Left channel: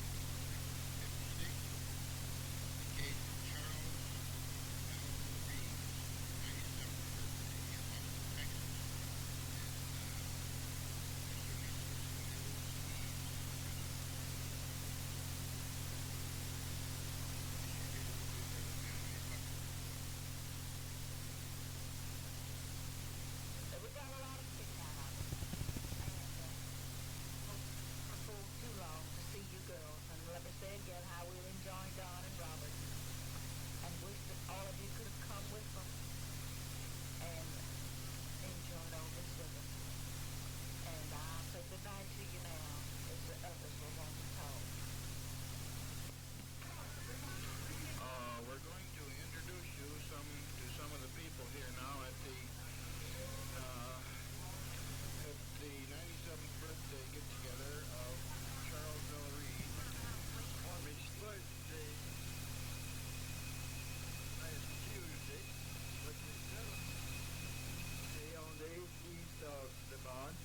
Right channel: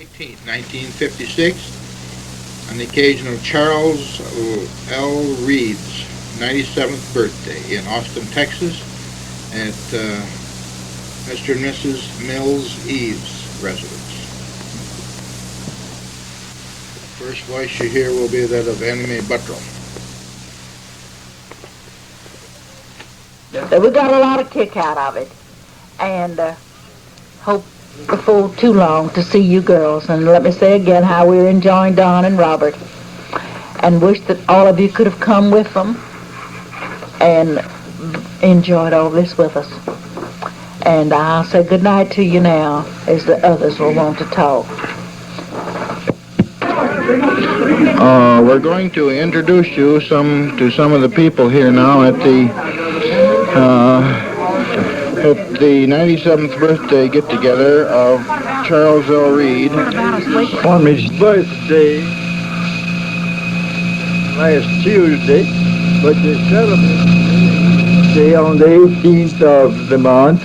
18th, 1956, on the occasion of Charles L. Reid's 97th birthday in Austin, Texas, at Mr. and Mrs. Mills Eaves' residence. The first voice you hear will be that of Annie Mae. We got a lot of kick out of it, and hope before too long to see you girls. And let me say again how we're enjoying Don and Robert, and wish that all of you could have come with them and enjoyed all this with us. And I'll say good night to you now, as the others will want to talk. We're going to introduce you to some of the people here now at the 97th birthday get-together of Charles L. Reid. On his birthday last Tuesday, but they celebrate on the 18th of the month,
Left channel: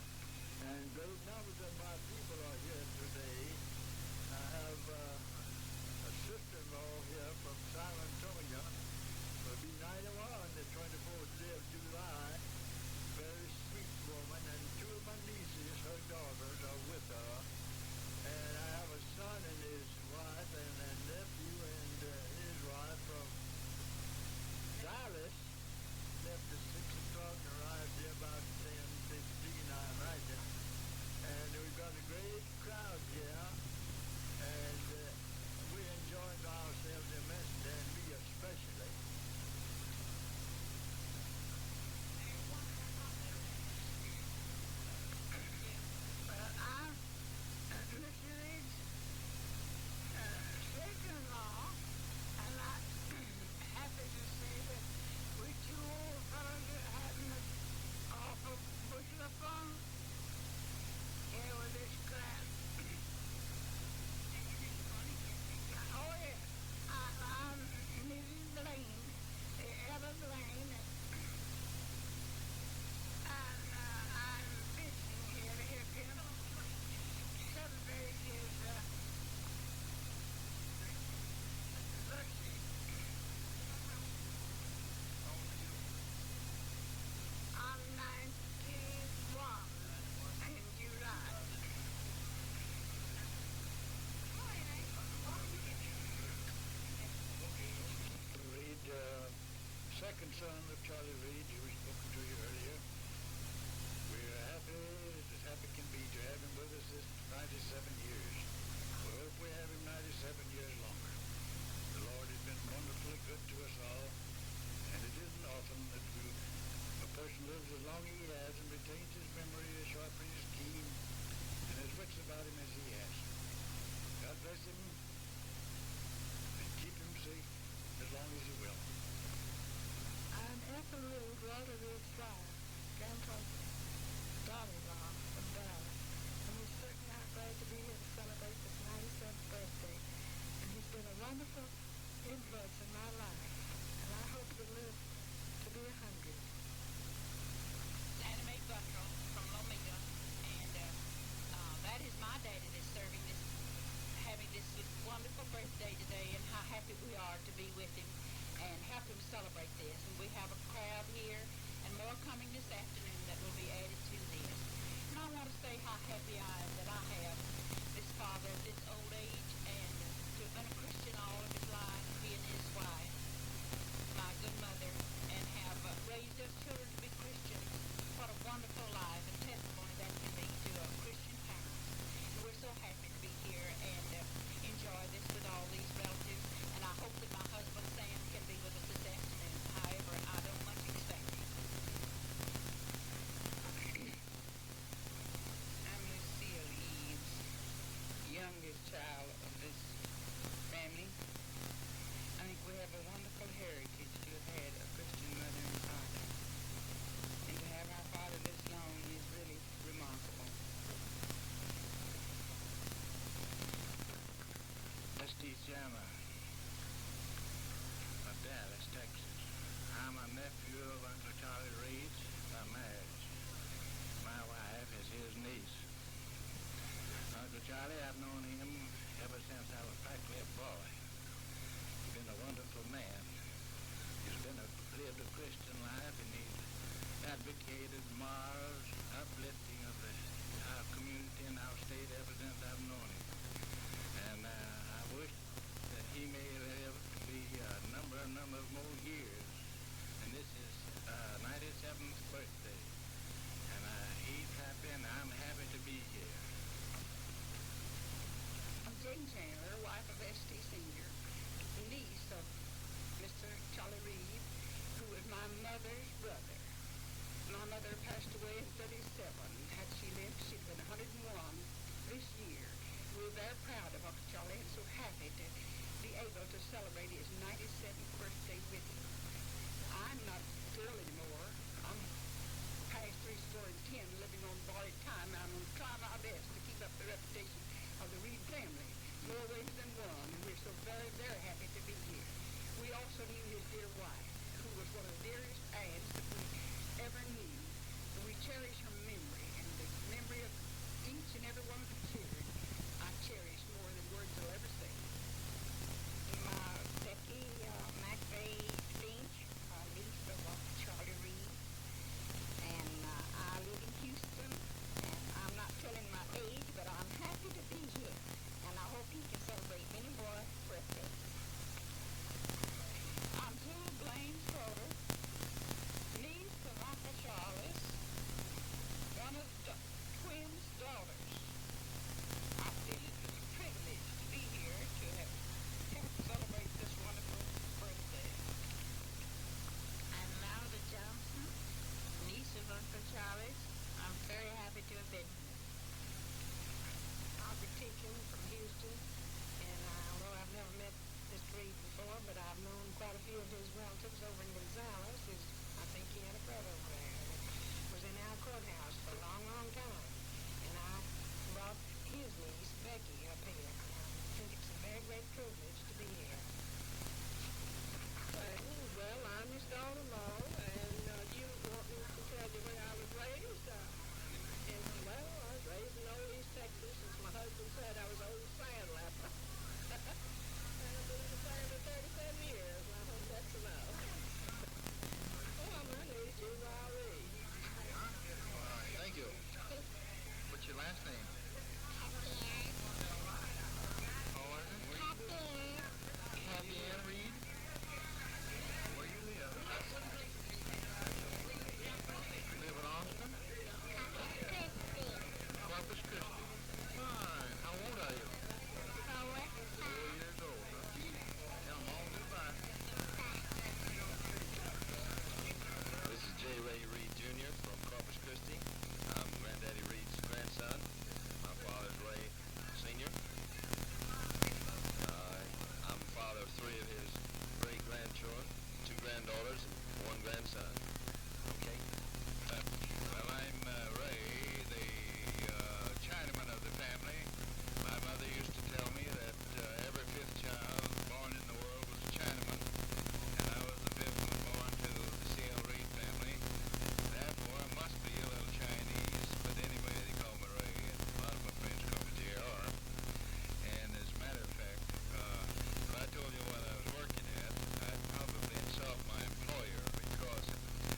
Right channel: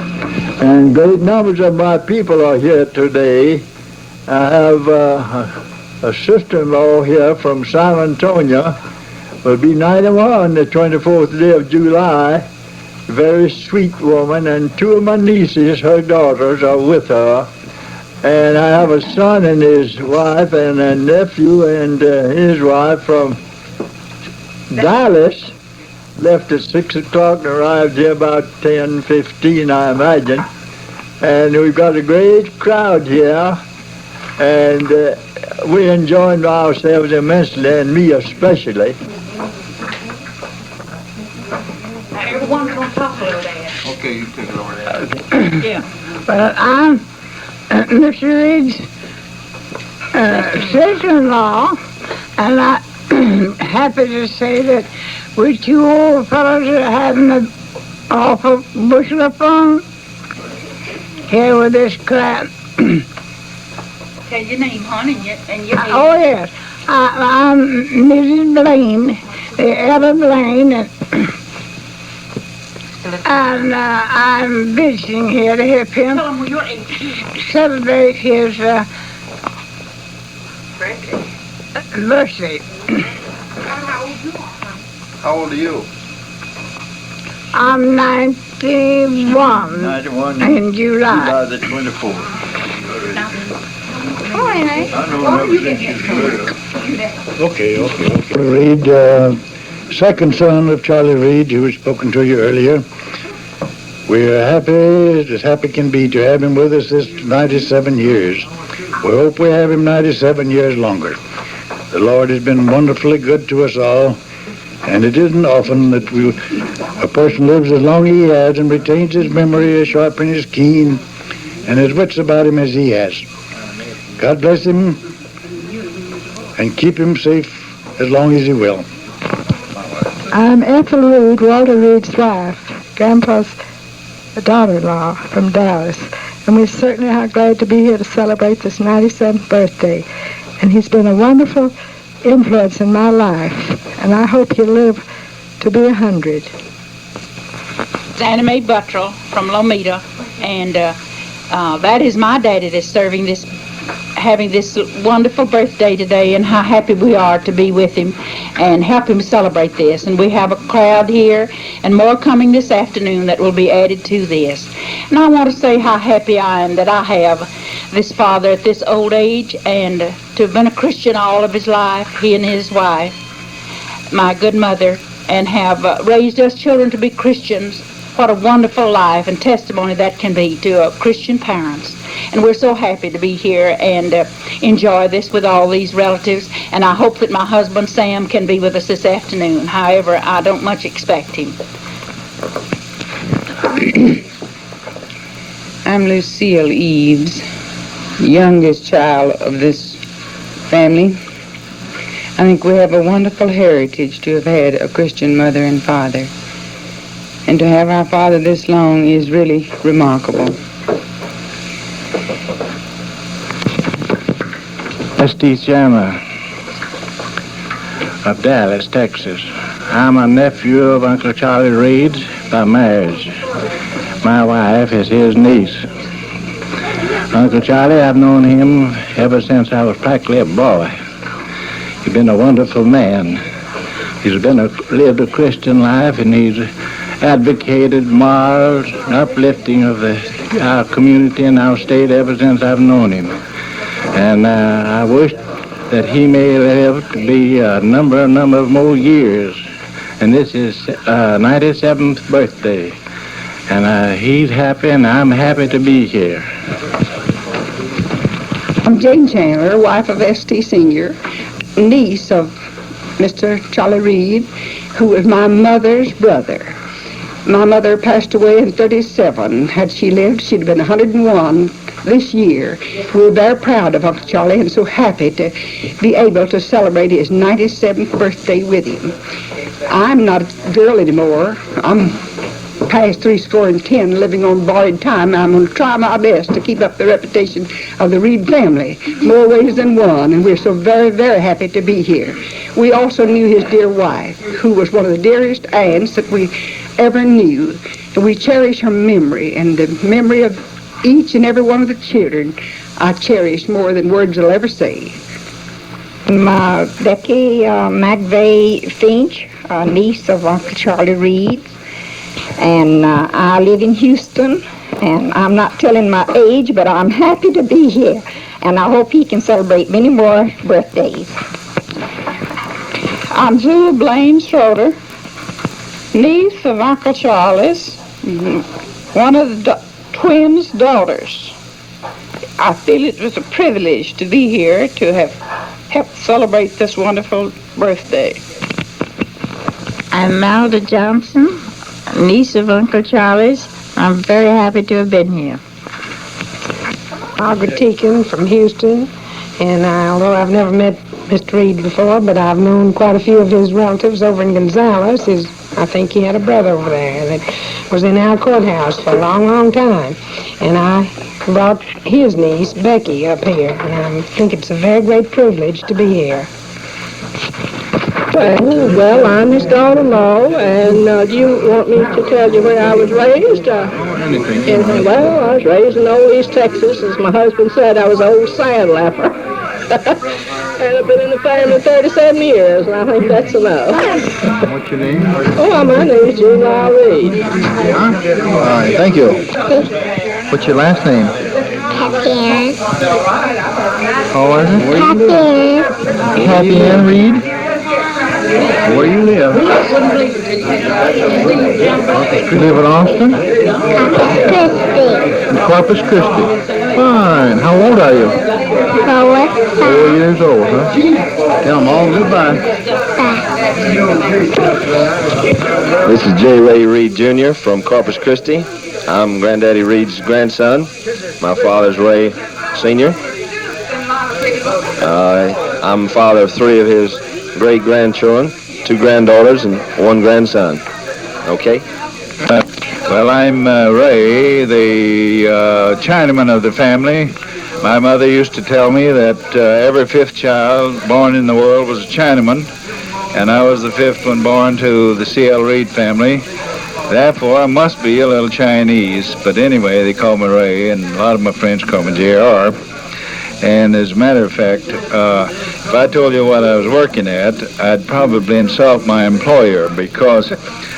and great numbers of my people are here today. I have a sister-in-law here from San Antonio, will be 91 the 24th day of July. Very sweet woman, and two of my nieces, her daughters, are with her. And I have a son and his wife, and a nephew and his wife from Dallas. Left at 6 o'clock and arrived here about 10:15, I imagine. And we've got a great crowd here, and we're enjoying ourselves immensely, and me especially. Everyone's going to talk a little bit. Okay, you take it over there. Yeah. Well, I'm Mr. Reid's sister-in-law, and I'm happy to say that we two old fellows are having an awful bushel of fun here with this crowd. Tell your name, honey, and your age. Oh, yes. I'm Mrs. Blain, Etta Blain, and I'm visiting here to help him Tell him your age. celebrate his Birthday. birthday. How old are you? I'm 91 91 in July. July the 24th. Oh, Annie. I know never since you Okay. Reid, second son of Charlie Reid, who was spoken to you earlier. We're happy, as happy can be, to have him with us this 97 years. We hope we have him 97 years longer. The Lord has been wonderfully good to us all, and it isn't often that a person lives as long as he has and retains his memory as sharp and as keen and as wits about him as he has. God bless him and keep him safe as long as he will. I'm Ethel Reid, Walter Reid's wife, Grandpa's daughter-in-law from Dallas, and we certainly are glad to be here to celebrate this 97th birthday. And he's been a wonderful influence in my life, and I hope he'll live to be 100. It's Annie Mae from Lomita, and that is my daddy that's having this wonderful birthday today, and how happy we are to be with him and help him celebrate this. And we have a crowd here and more coming this afternoon that will be added to this. And I want to say how happy I am that I have this father at this old age, and to have been a Christian all of his life, he and his wife, my good mother, and have raised us children to be Christians. What a wonderful life and testimony that can be to Christian parents. And we're so happy to be here and enjoy this with all these relatives. And I hope that my husband, Sam, can be with us this afternoon. However, I don't much expect him. I'm Lucille Eaves, youngest child of this family. I think we have a wonderful heritage to have had a Christian mother and father. And to have our father this long is really remarkable. Steve Chandler of Dallas, Texas. I'm a nephew of Uncle Charlie Reid by marriage. My wife is his niece. Uncle Charlie, I've known him ever since I was practically a boy. He's been a wonderful man. He's lived a Christian life, and he's advocated morals and uplifting of our community and our state ever since I've known him. And I wish that he may live to be a number of more years. And this is 97th birthday. And he's happy, and I'm happy to be here. I'm Jane Chandler, wife of S.T. Sr., niece of Mr. Charlie Reid, who was my mother's brother. My mother passed away in 37. Had she lived, she'd have been 101 this year. We were very proud of Uncle Charlie and so happy to be able to celebrate his 97th birthday with him. I'm not a girl anymore. I'm past 70, living on borrowed time. I'm going to try my best to keep up the reputation of the Reid family, more ways than one, and we're so very, very happy to be here. We also knew his dear wife, who was one of the dearest aunts that we ever knew, and we cherish her memory, and the memory of each and every one of the children I cherish more than words will ever say. Becky McVea Finch, a niece of Uncle Charlie Reid. And I live in Houston, and I'm not telling my age, but I'm happy to be here, and I hope he can celebrate many more birthdays. I'm Etta Blain Schroeder, niece of Uncle Charlie's, one of the twins' daughters. I feel it was a privilege to be here to have helped celebrate this wonderful birthday. I'm Malda Johnson, niece of Uncle Charlie's. I'm very happy to have been here. Margaret Teakin from Houston, and although I've never met Mr. Reid before, but I've known quite a few of his relatives over in Gonzales. I think he had a brother over there that was in our courthouse for a long, long time. And I brought his niece, Becky, up here, and I think it's a very great privilege to be here. Well, I'm his daughter-in-law, and do you want me to tell you where I was raised? Well, I was raised in Old East Texas. As my husband said, I was an old sandlapper. And I've been in the family 37 years, and I think that's enough. What's your name? Oh, my name is Reid. All right, thank you. What's your last name? Cathy How was it? Cathy Cathy Ann Reid? Where you live? You live in Austin? In Corpus Christi. Fine. How old are you? 4 years old, huh? Tell them all goodbye. This is J. Ray Reid Jr. from Corpus Christi. I'm Granddaddy Reid's grandson. My father's Ray Sr. I'm father of 3 of his great-grandchildren, 2 granddaughters, and 1 grandson. Okay? Well, I'm Ray, the Chinaman of the family. My mother used to tell me that every 5th child born in the world was a Chinaman, and I was the 5th one born to the C.L. Reid family. Therefore, I must be a little Chinese. But anyway, they call me Ray, and a lot of my friends call me J.R. And as a matter of fact, if I told you what I was working at, I'd probably insult my employer, because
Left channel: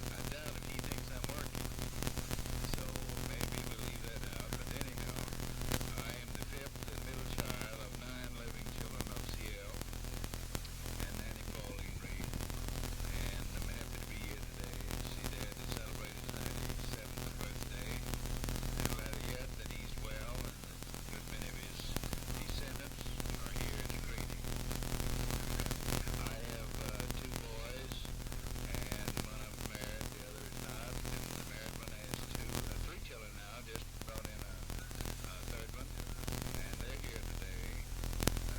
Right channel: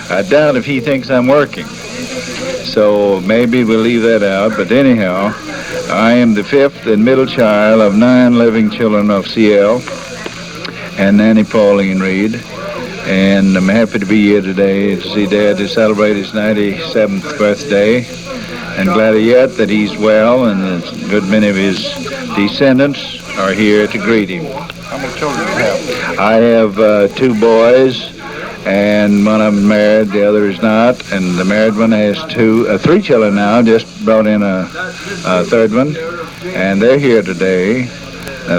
I doubt if he thinks I'm working. So maybe we'll leave that out. But anyhow, I am the 5th and middle child of 9 living children of C.L. and Nanny Pauline Reid. And I'm happy to be here today to see Dad to celebrate his 97th birthday. And gladder yet that he's well, and a good many of his descendants are here to greet him. How many children do you have? I have 2 boys, and one of them married, the other is not. And the married one has 3 children now, just brought in a 3rd one. And they're here today.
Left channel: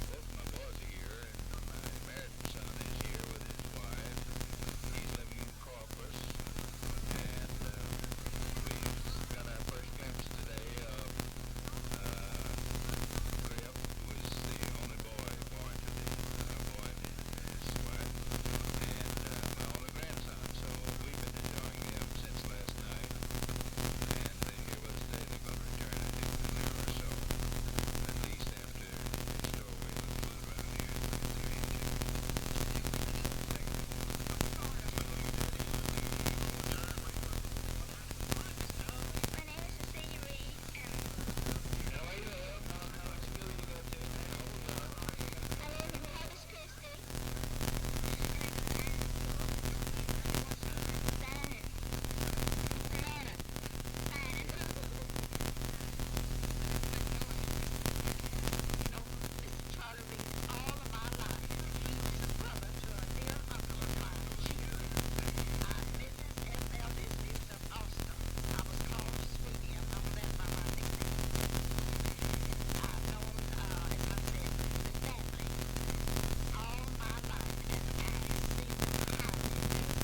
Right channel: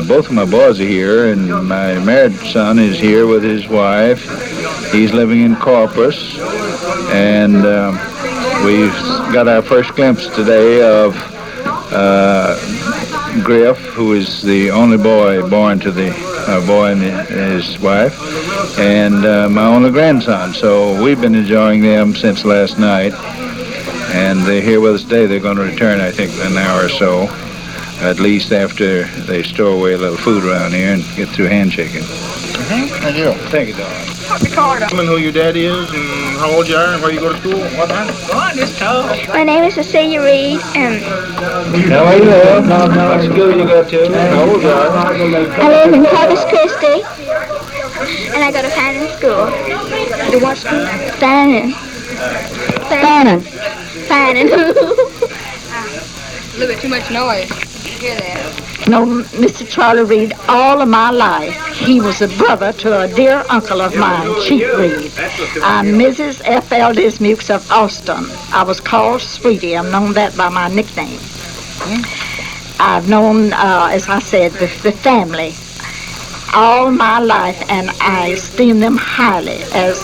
Both of my boys are here, and my married son is here with his wife. He's living in Corpus, and we've got our first glimpse today of Griff, who is the only boy born to the boy and his wife, and my only grandson. So we've been enjoying them since last night, and they're here with us today. They're going to return, I think, in an hour or so. at least after they store away a little food around here and get through handshaking. Thank you. Thank you, darling. Tell me who your daddy is and how old you are and where you go to school and what time. My name is Lucille Reid, and Now, where you live? What school you go to? How old you are? I live in Corpus Christi, and I go to Fannin School. To what school? Fannin. Fannin. Fannin. A little bit too much noise. Hear that? No, Mr. Charlie Reid, all of my life, he was a brother to a dear uncle of mine, Chief Reid. I'm Mrs. F.L. Dismukes of Austin. I was called Sweetie. I'm known that by my nickname. I've known, as I said, the family all my life, and I esteem them highly as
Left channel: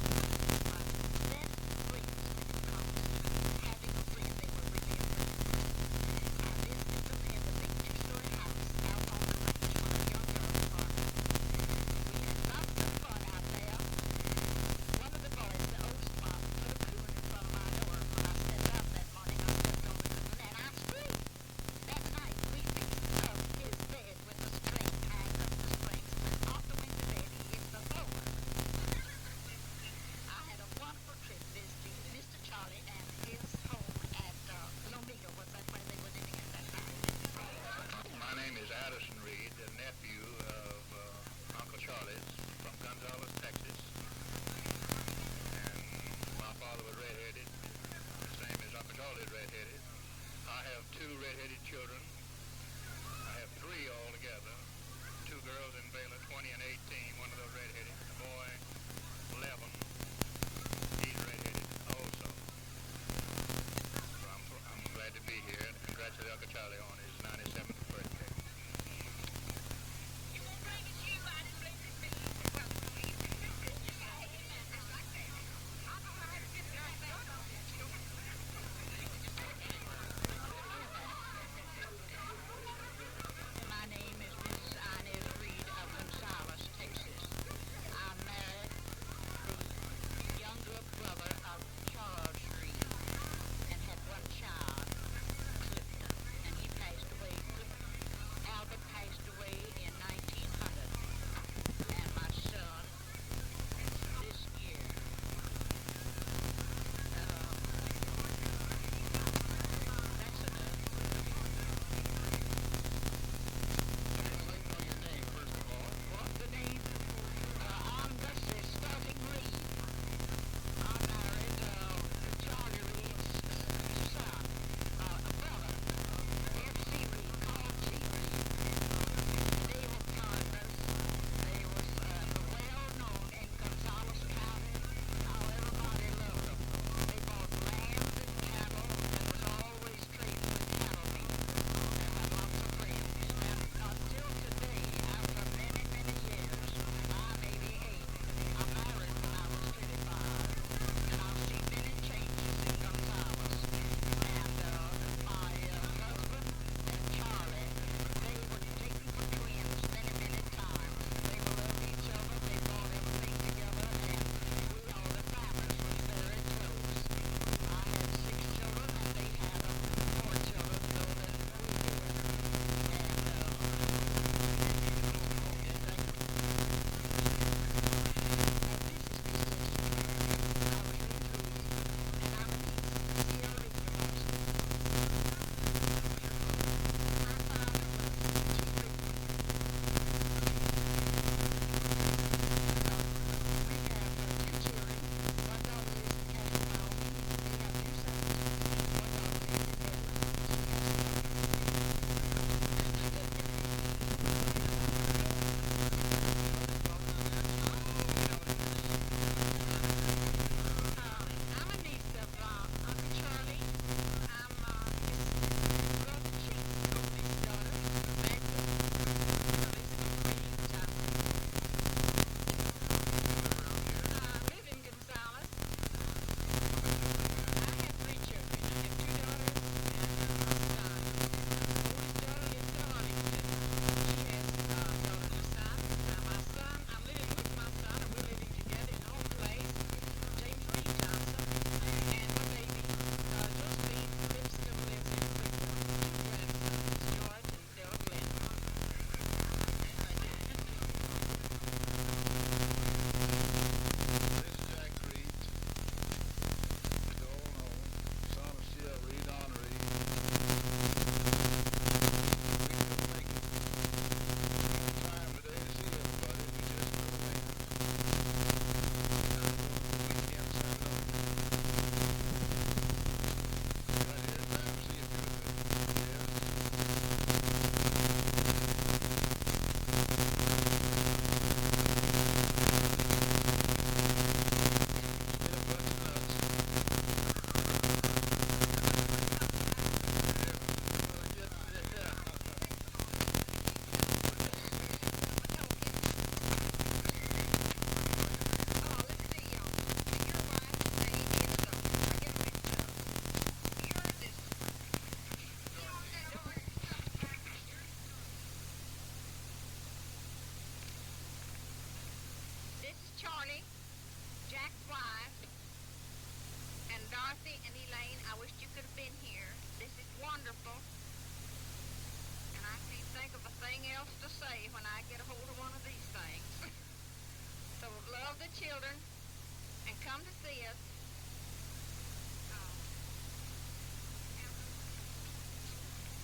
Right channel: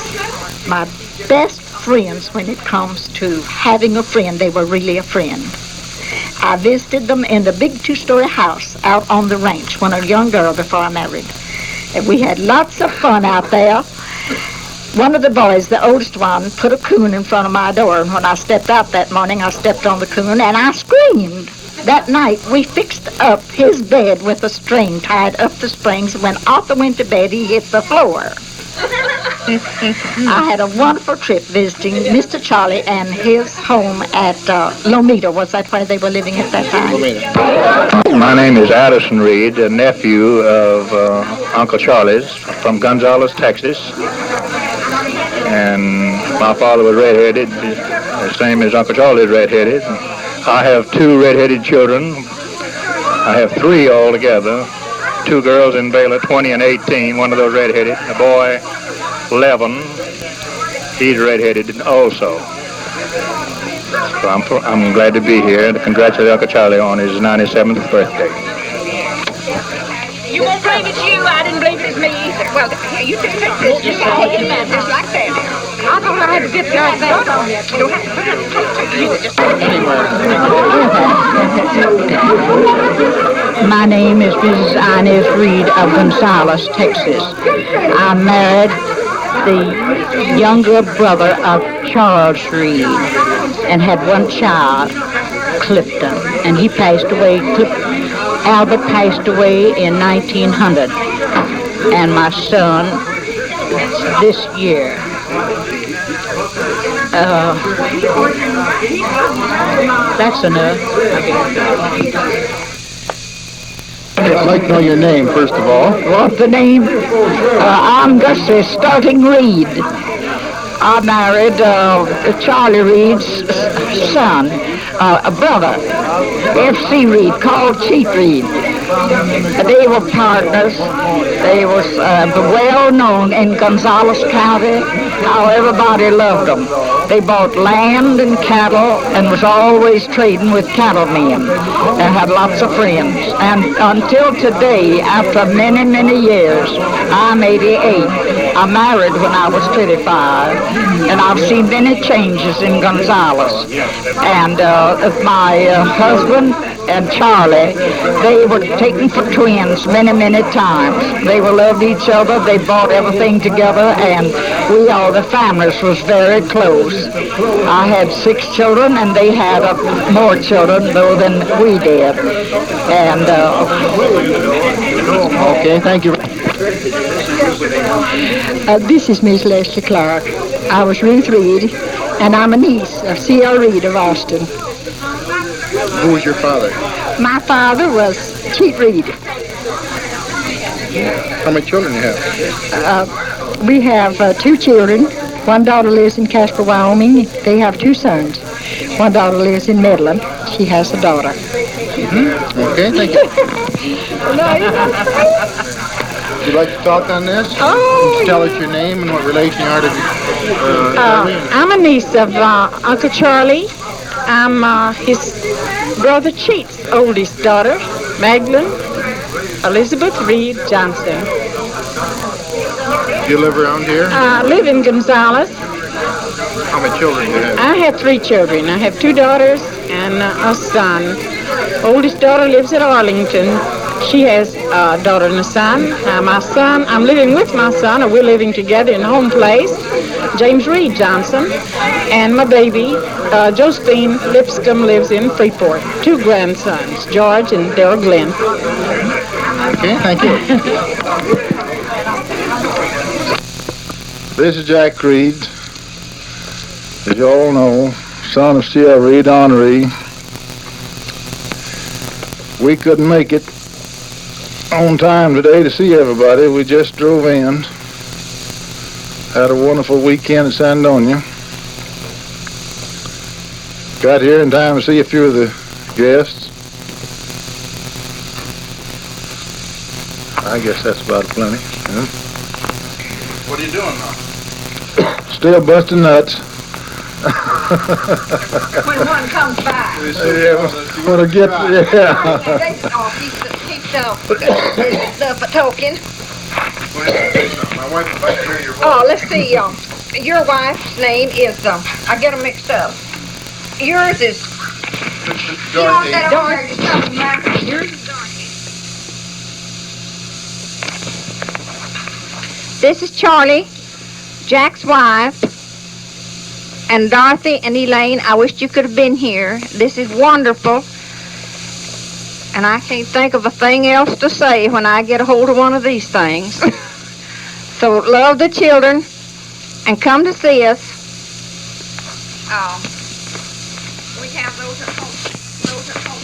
my best friends when it comes to having a friend. They were really a friend. I visited them in the big two-story house out on the ranch when a young girl before I married. And we had lots of fun out there. One of the boys, the oldest one, put a coon in front of my door, and when I stepped out that morning, I stepped on the coon and I screamed. That night, we fixed up his bed with a string tied up the springs. When Arthur went to bed, he hit the floor. I had a wonderful trip visiting Mr. Charlie and his home at Lomita. Was that where they were living at that time? My name is Addison Reid, a nephew of Uncle Charlie's from Gonzales, Texas. And my father was redheaded, the same as Uncle Charlie's redheaded. I have two redheaded children. I have three altogether. Two girls in Baylor, 20 and 18, one of those redheaded. A boy, 11, he's redheaded also. So I'm glad to be here and to congratulate Uncle Charlie on his 97th birthday. You won't believe it's you. I didn't believe it was me either. Well, here, you take this. Just like that. Just like that. I thought I had to get like that on it. You don't have to put it anywhere. My name is Mrs. Inez Reid of Gonzales, Texas. I married the younger brother of Charles Reid and had one child, Clifton, and he passed away. Albert passed away in 1900, and my son this year. That's enough. I'd like to know your name, first of all. What's the name? I'm Gussie, starting Reid. I married Charlie Reid's son, a brother, F.C. Reid, called Chief Reid. They were partners. They were well known in Gonzales County, how everybody loved them. They bought land and cattle and was always trading with cattlemen. They had lots of friends. And until today, after many, many years, I'm 88. I married when I was 35, and I've seen many changes in Gonzales. And my husband and Charlie, they were taken for twins many, many times. They loved each other. They bought everything together, and we all, the families, was very close. I had 6 children, and they had more children, though, than we did. And okay, thank you. This is Miss Leslie Clark. I was Ruth Reid, and I'm a niece of C.L. Reid of Austin. Who was your father? My father was Chief Reid. How many children do you have? We have 2 children. One daughter lives in Casper, Wyoming. They have 2 sons. One daughter lives in Midland. She has a daughter. Mm-hmm. Okay, thank you. Would you like to talk on this? Oh, tell us your name and what relation you are to I'm a niece of Uncle Charlie. I'm his brother Chief's oldest daughter, Magdalene Elizabeth Reid Johnson. Do you live around here? I live in Gonzales. How many children do you have? I have 3 children. I have 2 daughters and a son. Oldest daughter lives at Arlington. She has a daughter and a son. My son, I'm living with my son, or we're living together in home place. James Reid Johnson, and my baby, Josephine Lipscomb, lives in Freeport. 2 grandsons, George and Daryl Glenn. Okay, thank you. This is Jack Reid, as you all know, son of C.L. Reid, Honoree. We couldn't make it on time today to see everybody. We just drove in. Had a wonderful weekend in San Antonio. Got here in time to see a few of the guests. I guess that's about plenty. Yeah. What are you doing now? Still busting nuts. When one comes by. Yeah, when I get, yeah. Keep the talking. My wife would like to hear your voice. Oh, let's see. Your wife's name is, I get them mixed up. Yours is Dorothy. Yours is Dorothy. This is Charlie, Jack's wife, and Dorothy and Elaine. I wish you could have been here. This is wonderful. And I can't think of a thing else to say when I get a hold of one of these things. So love the children and come to see us. We have those at home. Those at home.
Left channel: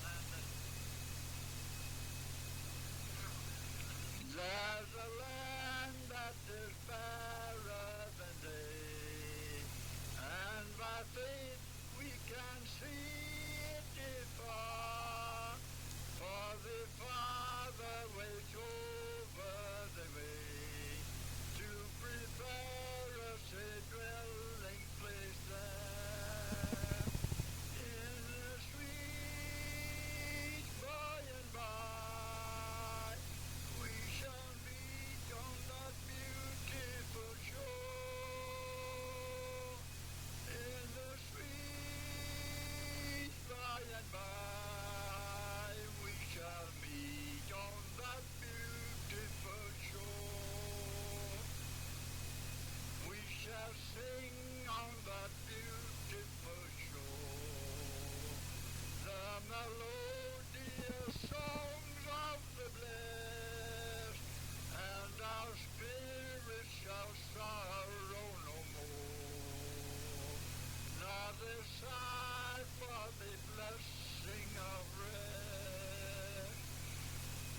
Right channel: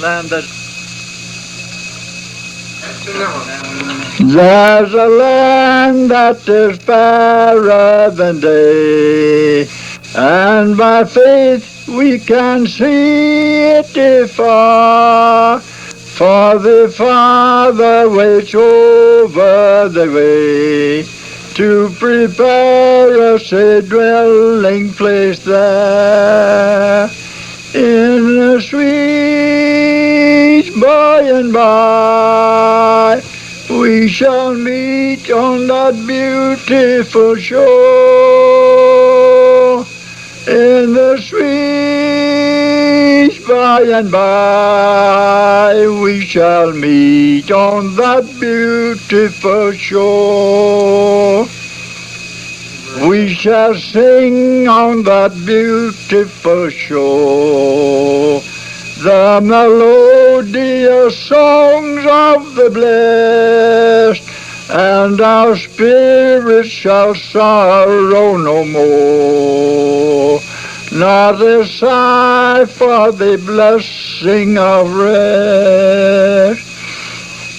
Land that there's a land that is fairer than day, and by faith we can see it afar. For the Father waits over the way to prepare us a dwelling place there. In the sweet by and by, we shall meet on that beautiful shore. In the sweet by and by, we shall meet on that beautiful shore. We shall sing on that beautiful shore the melodious songs of the blessed, and our spirits shall sorrow no more, not a sigh for the blessing of rest.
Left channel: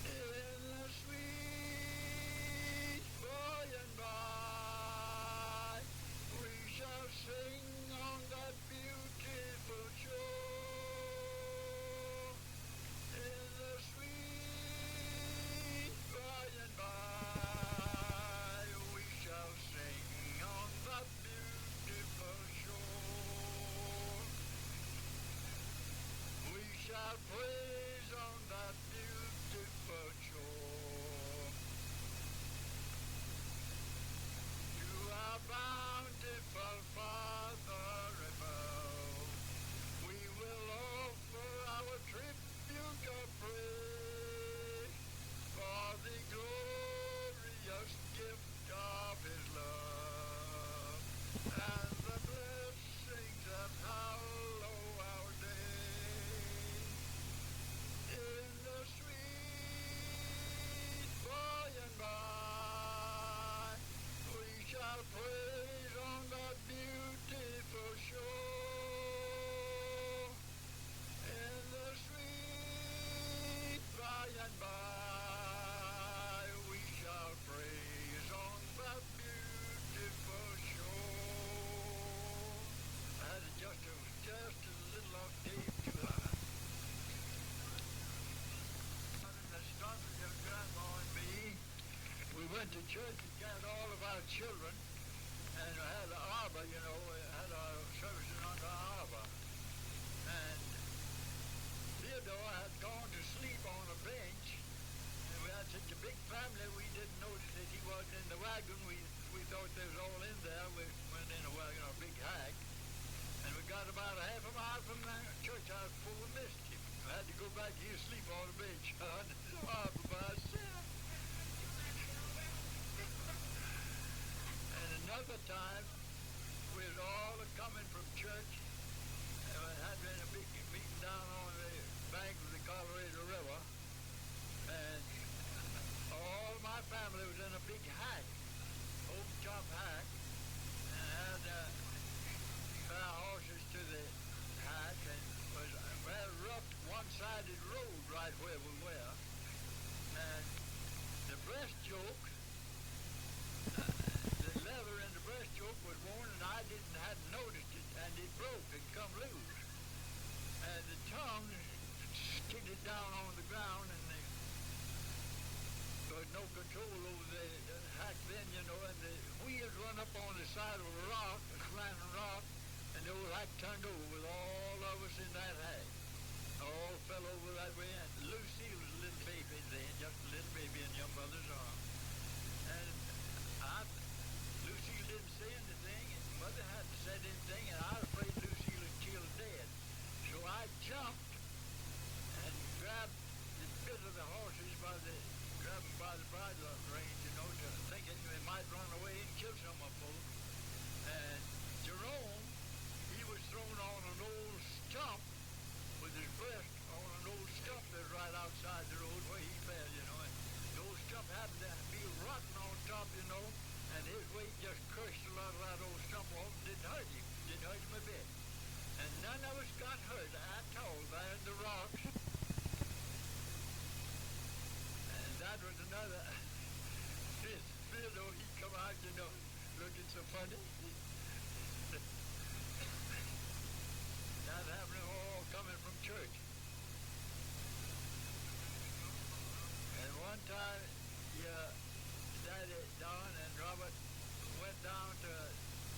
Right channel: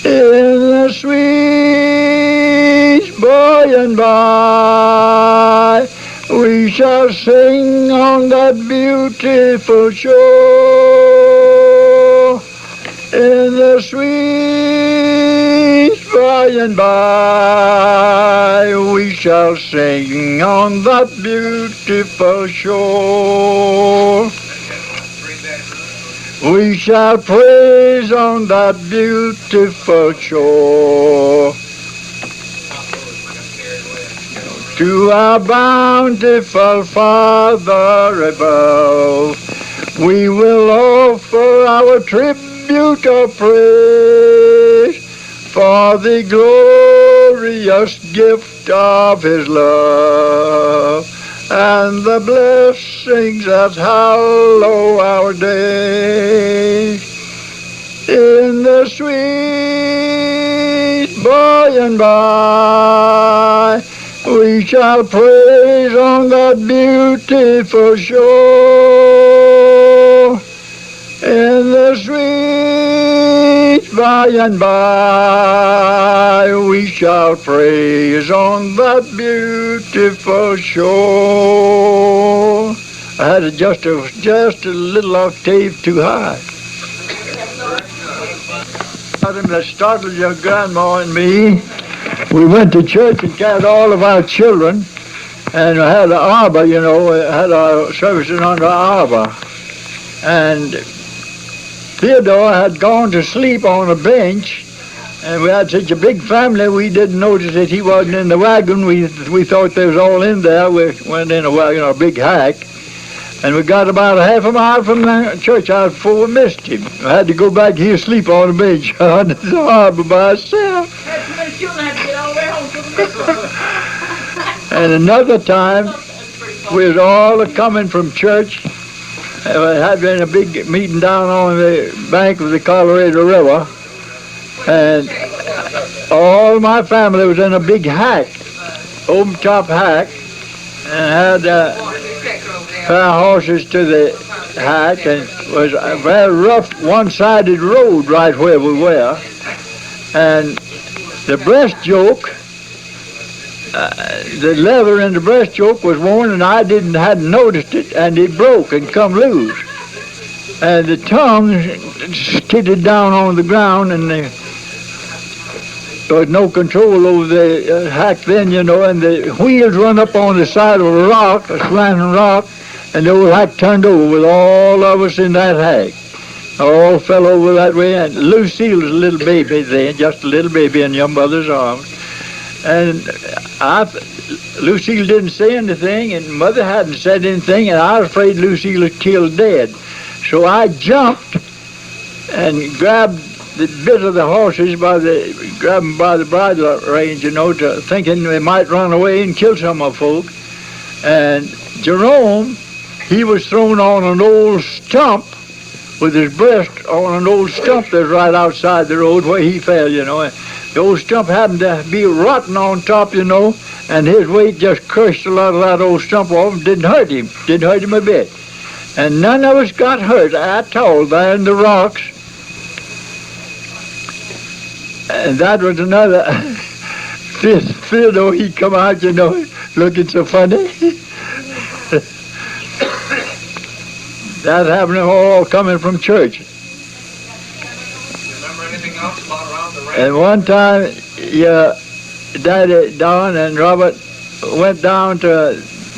In the sweet by and by, we shall sing on that beautiful shore. In the sweet by and by, we shall sing on that beautiful shore. We shall praise on that beautiful shore. To our bountiful Father above, we will offer our tribute of praise for the glorious gift of His love and the blessings that hallow our days. In the sweet by and by, we shall praise on that beautiful shore. In the sweet by and by, we shall praise on that beautiful shore. I had it just a little octave too high. That startled your grandma and me. We went to church and gathered all of our children, and we had an arbor, you know, had our services under our arbor. And Theodore had gone to sleep on a bench, and we had such a big family, we didn't notice that he wasn't in the wagon. We thought they was all in there. We went in a wagon, a big hack. And we got about a half a mile from the church house before we missed him. I had to go back here sleep on the bench on the harbor by myself. And another time, we was all coming from church. We had been a big meeting down on the bank of the Colorado River. And all my family was in a big hack, open top hack, and had pair of horses to the hack, and it was a very rough one-sided road right where we were. And the breast yoke, the leather in the breast yoke was worn, and I hadn't noticed it, and it broke and come loose. And the tongue skidded down on the ground, and there was no control over the hack then, you know, and the wheels run up on the side of a rock, a slanting rock, and the old hack turned over with all of us in that hack. All fell over that way, and Lucille was a little baby then, just a little baby in your mother's arms. And Lucille didn't say anything, and Mother hadn't said anything, and I was afraid Lucille was killed dead. So I jumped and grabbed the bit of the horses grabbed them by the bridle reins, you know, thinking they might run away and kill some of folk. And Jerome, he was thrown on an old stump with his breast on an old stump that's right outside the road where he fell, you know. And the old stump happened to be rotten on top, you know, and his weight just crushed a lot of that old stump off and didn't hurt him a bit. And none of us got hurt at all there in the rocks. And that was another, Theodore, he come out, you know, looking so funny. That happened all coming from church. Remember anything else about around the ranch? And one time, Daddy, Don, and Robert went down to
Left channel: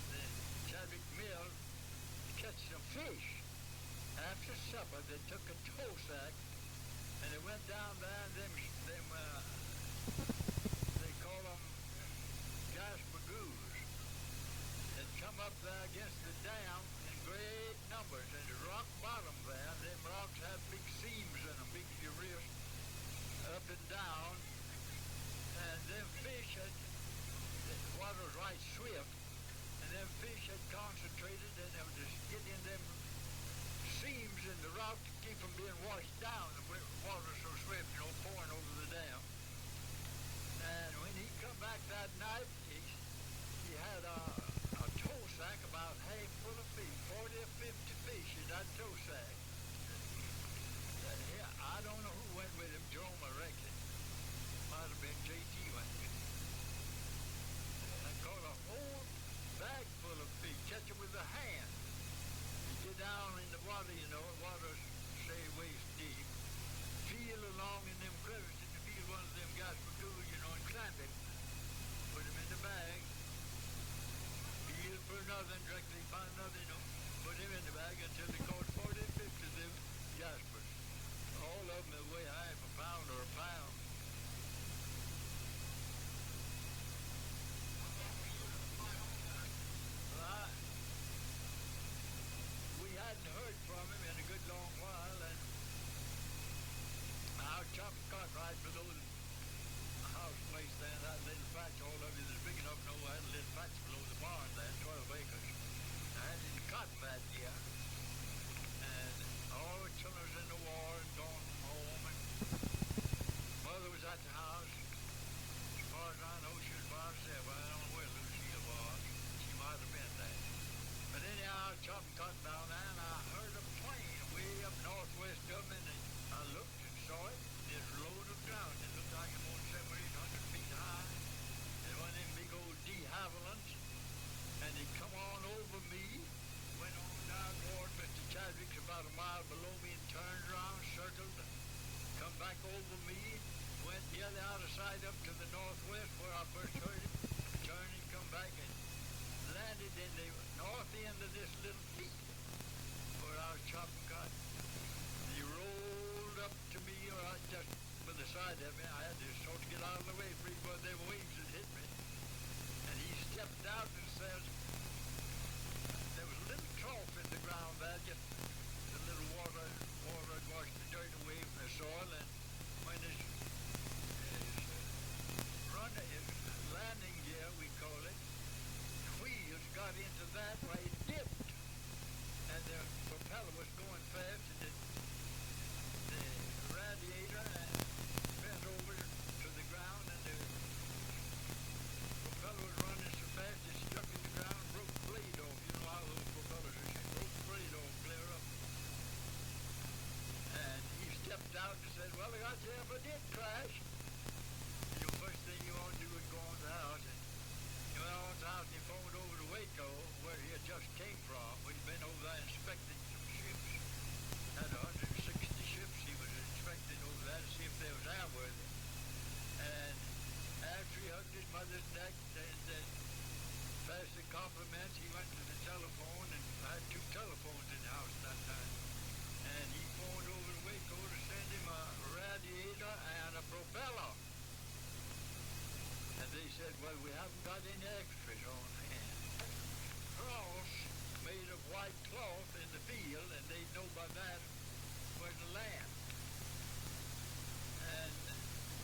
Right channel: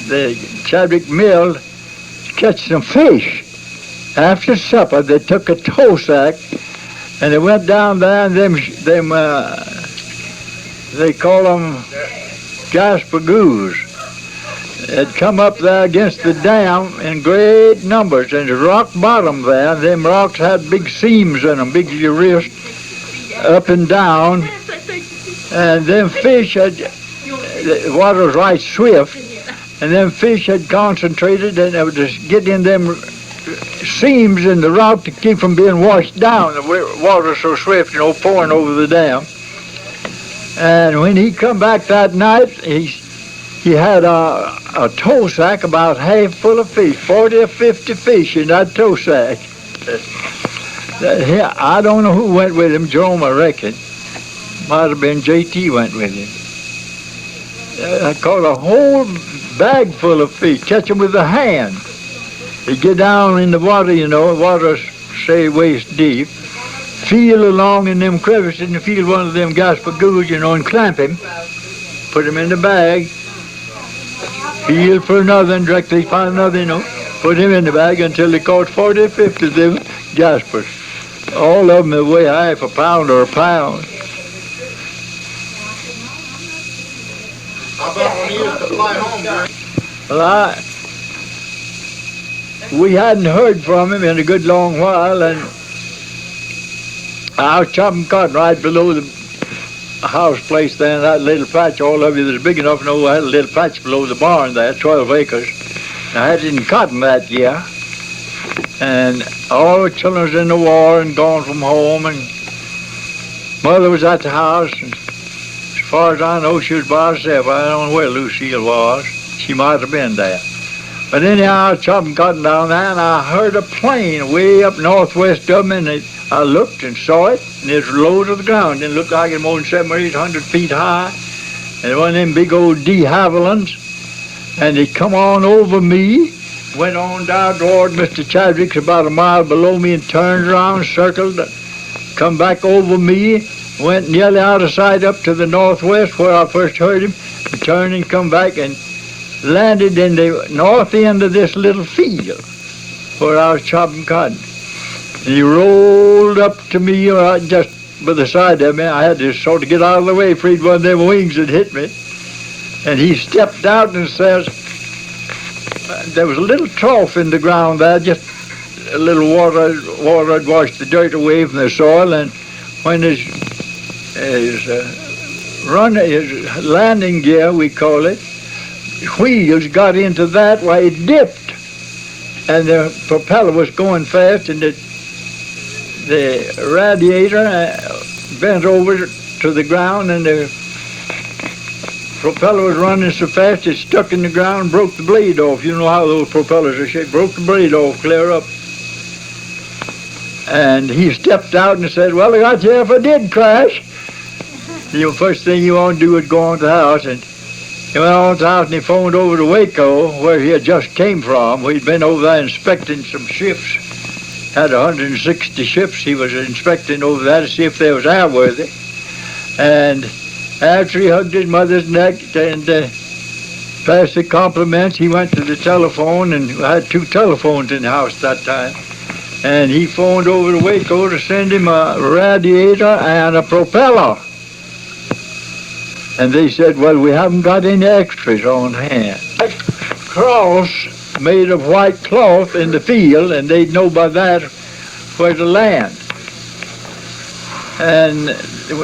the Chadwick Mill to catch some fish. After supper, they took a tow sack, and they went down there, and they call them gaspagoos. Had come up there against the dam in great numbers, and the rock bottom there, them rocks had big seams in them, big as your wrist, up and down, and them fish the water was right swift, and them fish had concentrated, and they would just get in them seams in the rock to keep from being washed down. The water was so swift, you know, pouring over the dam. And when he come back that night, he had a tow sack about half full of fish, 40 or 50 fish in that tow sack. I don't know who went with him, Jerome, I reckon. Might have been J.T. went with him. I caught a whole bag full of fish, catch them with the hand. You get down in the water, you know, water, say, waist deep, feel along in them crevices and feel one of them gaspagoos, you know, and clamp him, put him in the bag, feel for another, and directly find another, you know, put him in the bag until they caught 40 or 50 of them jaspers. All of them weigh half a pound or a pound. How about when you used to fly home, Gary? Well, we hadn't heard from him in a good long while, and I was chopping cotton right below the house place there in that little patch. All of you that's big enough to know I had a little patch below the barn there, 12 acres. I had it in cotton that year, and all the children was in the war and gone from home, and Mother was at the house, and as far as I know, she was by herself. I don't know where Lucille was. She might have been there. But anyhow, I was chopping cotton down there, and I heard a plane way up northwest of me, and I looked and saw it, and it was low to the ground. It looked like it was more than 700 or 800 feet high, and it was one of them big old de Havillands, and it come on over me, went on down toward Mr. Chadwick's about a mile below me, and turned around, circled, come back over me, went nearly out of sight up to the northwest where I first heard him, and turned and come back and landed in the north end of this little field where I was chopping cotton. And he rolled up to me just by the side of me. I had to sort of get out of the way, afraid one of them wings had hit me. And he stepped out and says, there was a little trough in the ground there, just a little water had washed the dirt away from the soil, and when his landing gear, we call it, wheels got into that, why it dipped, and the propeller was going fast, and the radiator bent over to the ground, and the propeller was running so fast it stuck in the ground, broke the blade off. You know how those propellers are shaped. Broke the blade off clear up. And he stepped out and said, well, I got you if I did crash. The first thing you want to do is go on to the house. And he went on to the house and he phoned over to Waco, where he had just came from. We'd been over there inspecting some ships. Had 160 ships he was inspecting over there to see if they was airworthy. And after he hugged his mother's neck and passed the compliments, he went to the telephone, and we had 2 telephones in the house that time. And he phoned over to Waco to send him a radiator and a propeller. And they said, well, we haven't got any extras on hand. Cross made of white cloth in the field, and they'd know by that where to land. And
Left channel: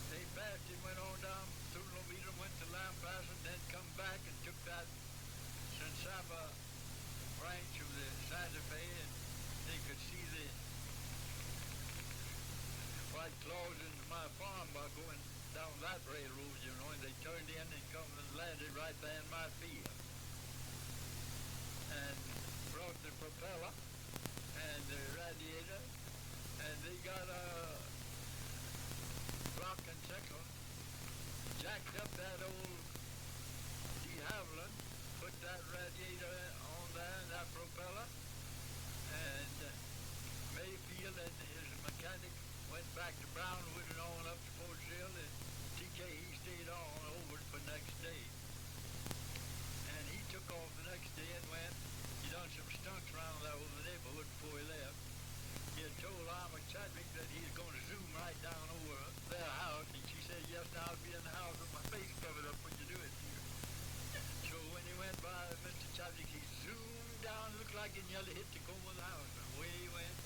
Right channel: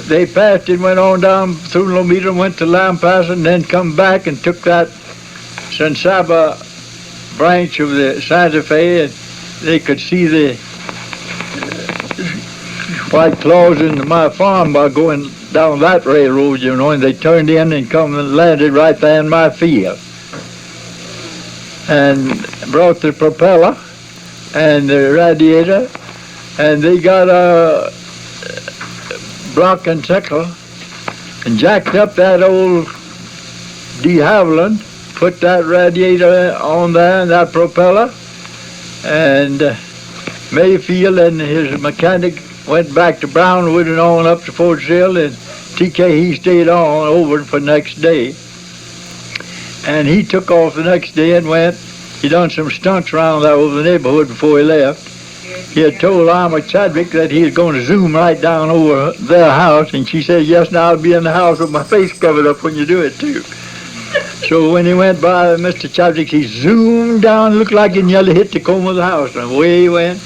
they passed it, went on down through Lomita, went to Lampass, and then come back and took that San Saba branch of the Santa Fe, and they could see the white claws in my farm by going down that railroad, you know, and they turned in and come and landed right there in my field. And brought the propeller and the radiator, and they got a block and tackle and jacked up that old de Havilland, put that radiator on there and that propeller, and Mayfield and his mechanic went back to Brownwood and on up to Fort Sill, and TK, he stayed on over for the next day. And he took off the next day and went, he done some stunts around there over the neighborhood before he left. He had told Alma Chadwick that he was going to zoom right down over their house, and she said, yes, now I'll be in the house with my face covered up when you do it, too. So when he went by Mr. Chadwick, he zoomed down, looked like he nearly hit the comb of the house, and away he went,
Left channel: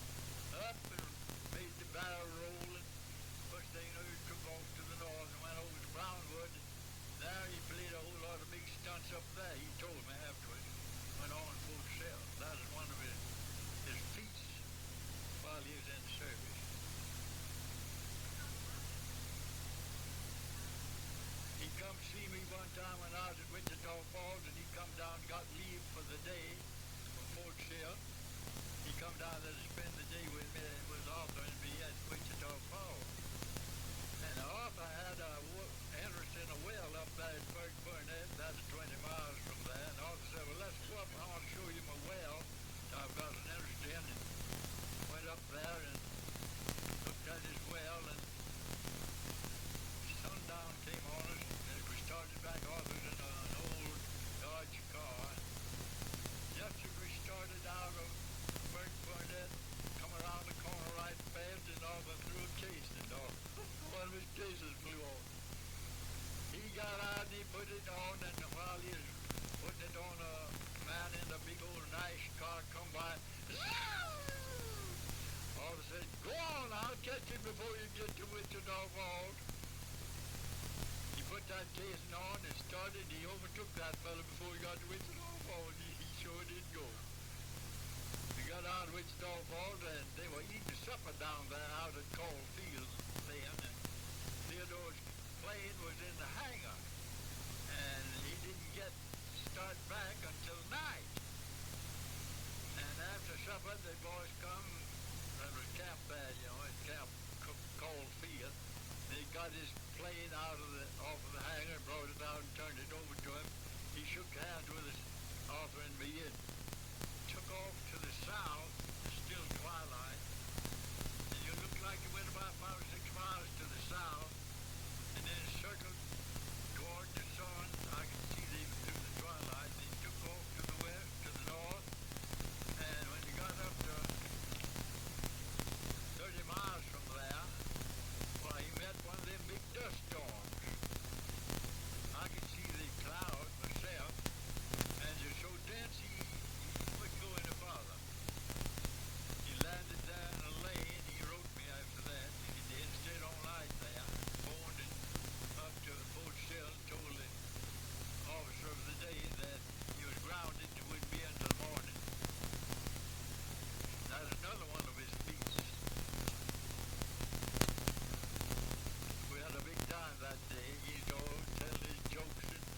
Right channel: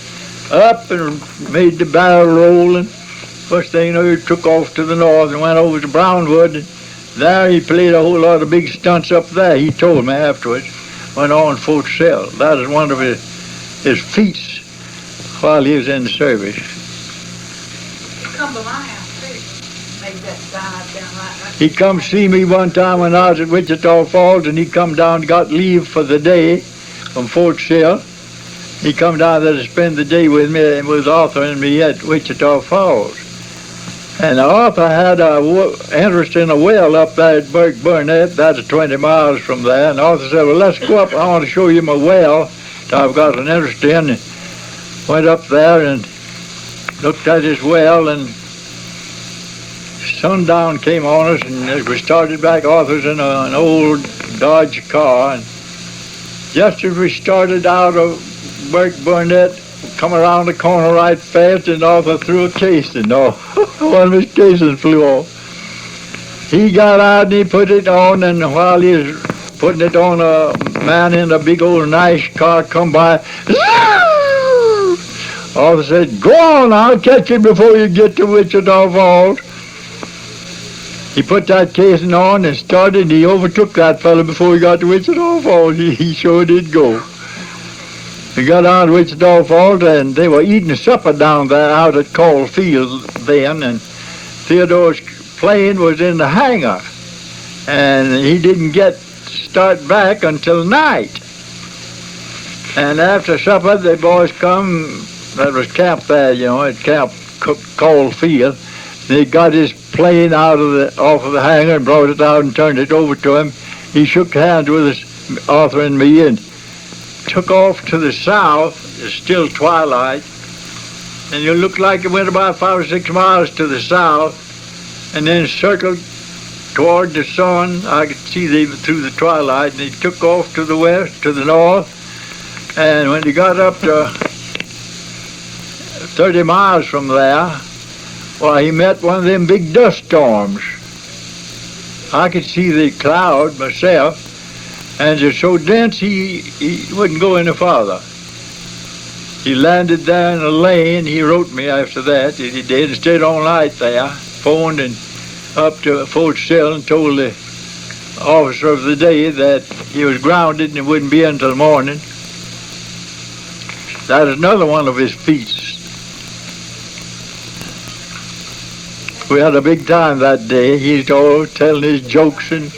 up and made the barrel roll, and first thing you know, he took off to the north and went over to Brownwood, and there he played a whole lot of big stunts up there, he told me afterwards, went on Fort Sill. That was one of his feats while he was in the service. Come to my house, too. Maybe that's down right. He come see me one time when I was at Wichita Falls, and he come down, got leave for the day from Fort Sill. He come down there to spend the day with me and with Arthur and me at Wichita Falls. And Arthur had a interest in a well up there at Burke Burnett, that's 20 miles from there. And Arthur said, well, let's go up, I want to show you my well that I've got an interest in. And went up there and looked at his well, and sundown came on us, and as we started back, Arthur's in an old Dodge car. And just as we started out of Burke Burnett, come around the corner right fast, and Arthur threw a casing off. One of his casings flew off. He got out and he put it on, and while he was putting it on, a man in a big old nice car come by. Arthur said, go on, I'll catch you before you get to Wichita Falls. He put that casing on and started, and he overtook that fellow before he got to Wichita Falls. He sure did go. We got down to Wichita Falls, and they were eating supper down there out at Call Field then, and Theodore's plane was in the hangar, and he didn't start back until night. And after supper, the boys come, that was camped there, you know, at Camp Call Field. They got his plane off of the hangar and brought it out and turned it over to him. He shook hands with us, Arthur and me, and took off to the south. It's still twilight, and it looked like it went about 5 or 6 miles to the south, and then circled toward the sun. I could see them through the twilight, and he took off to the west, to the north, and when he got up to 30 miles from there, well, he met one of them big dust storms. I could see the cloud myself, and it's so dense he wouldn't go any farther. He landed there in a lane. He wrote me after that he did, and stayed all night there, phoned and up to Fort Sill and told the officer of the day that he was grounded and he wouldn't be in until morning. That is another one of his feats. We had a big time that day. He's all telling his jokes, and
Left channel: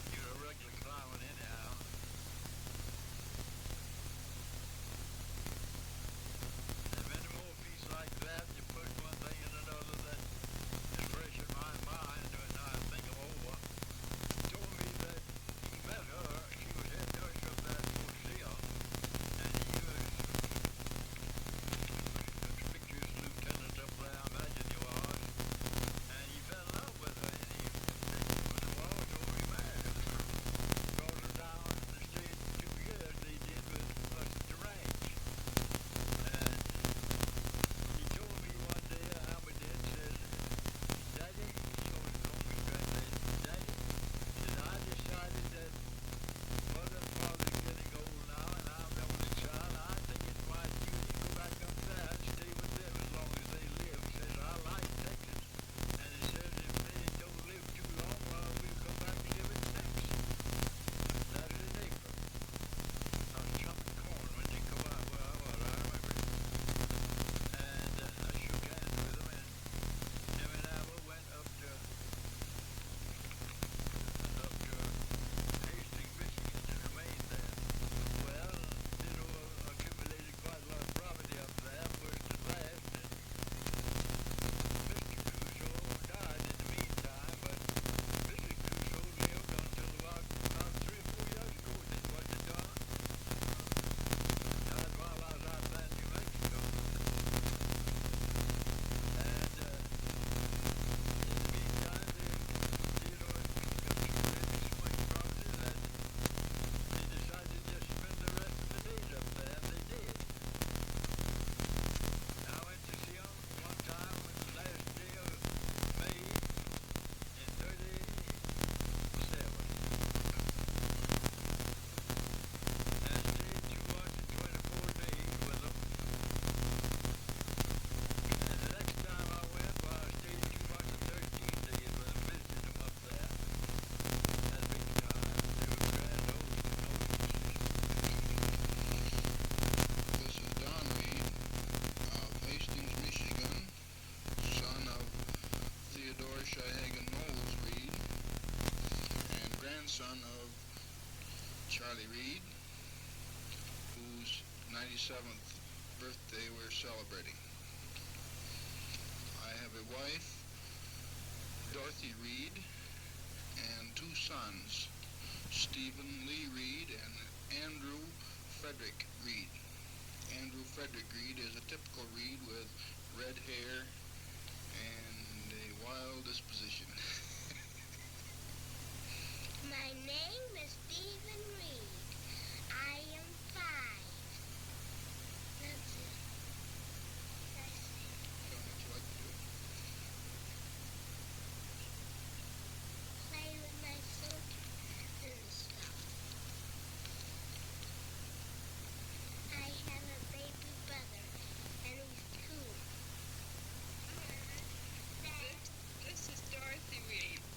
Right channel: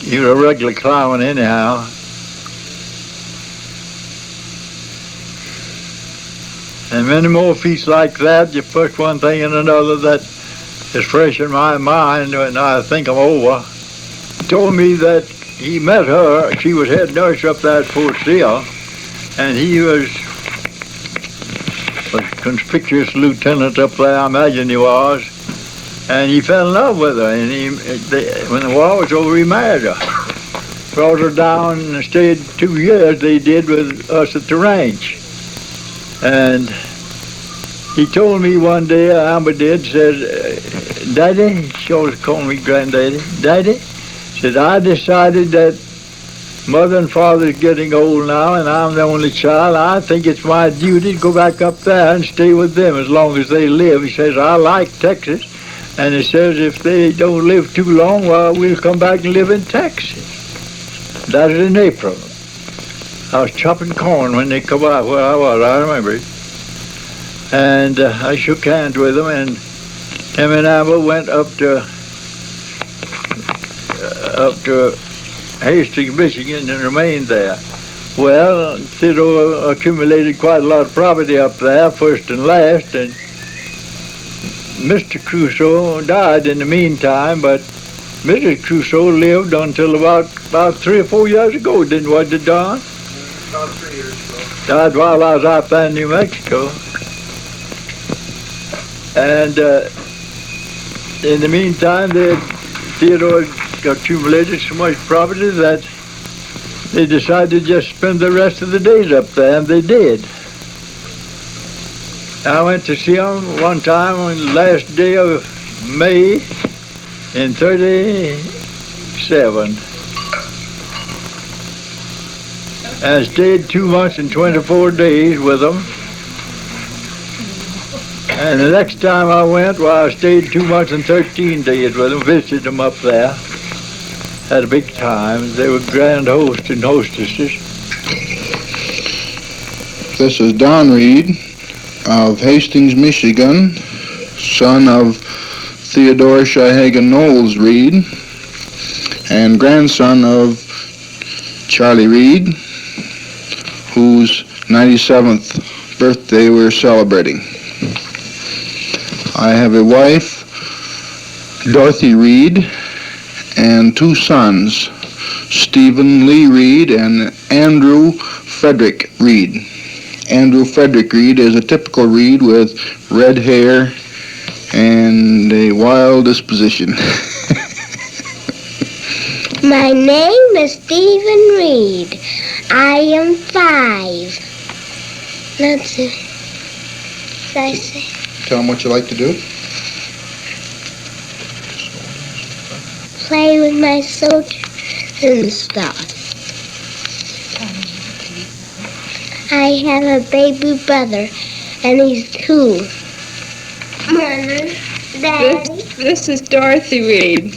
he was a regular clown anyhow. And many more feats like that. You put one thing and another that is fresh in my mind when I think them over. He told me that he met her. She was head nurse up there at Fort Sill, and he was a conspicuous lieutenant up there, I imagine he was. And he fell in love with her, and when the war was over, he married her. Brought her down and stayed 2 years, they did, with us at the ranch. And he told me one day, Amber did, said, Daddy, she always called me Granddaddy, Daddy, said, I decided that Mother and Father's getting old now, and I'm the only child. I think it's my duty to go back up there and stay with them as long as they live. He says, I like Texas. And he says, if they don't live too long, well, we'll come back and live in Texas. That is in April. I was chopping corn when they come out where I was, I remember it. And I shook hands with him, and him and Amber went up to Hastings, Michigan, and remained there. Well, Theodore accumulated quite a lot of property up there, first and last, and Mr. Crusoe died in the meantime, but Mrs. Crusoe lived until about 3 or 4 years ago, didn't what, did Don? About 3 years ago. Died while I was out there in New Mexico. And in the meantime, Theodore accumulated so much property that they decided to just spend the rest of the days up there, and they did. I went to see him one time on the last day of May in 37. And I stayed 2 months and 24 days with them. And the next time I went, well, I stayed 2 months and 13 days with them, visited them up there. Had a big time. They were grand hosts and hostesses. This is Don Reid of Hastings, Michigan, son of Theodore Shahagan Knowles Reid, and grandson of Charlie Reid, whose 97th birthday we're celebrating. I have a wife, Dorothy Reid, and 2 sons, Stephen Lee Reid and Andrew Frederick Reid. Andrew Frederick Reid is a typical Reid with red hair and a wild disposition. My name is Stephen Reid. I am 5. Let's see. What did I say? Tell them what you like to do. Play with my soldiers and stuff. I have a baby brother, and he's 2. Mama, Daddy. This is Dorothy Reid.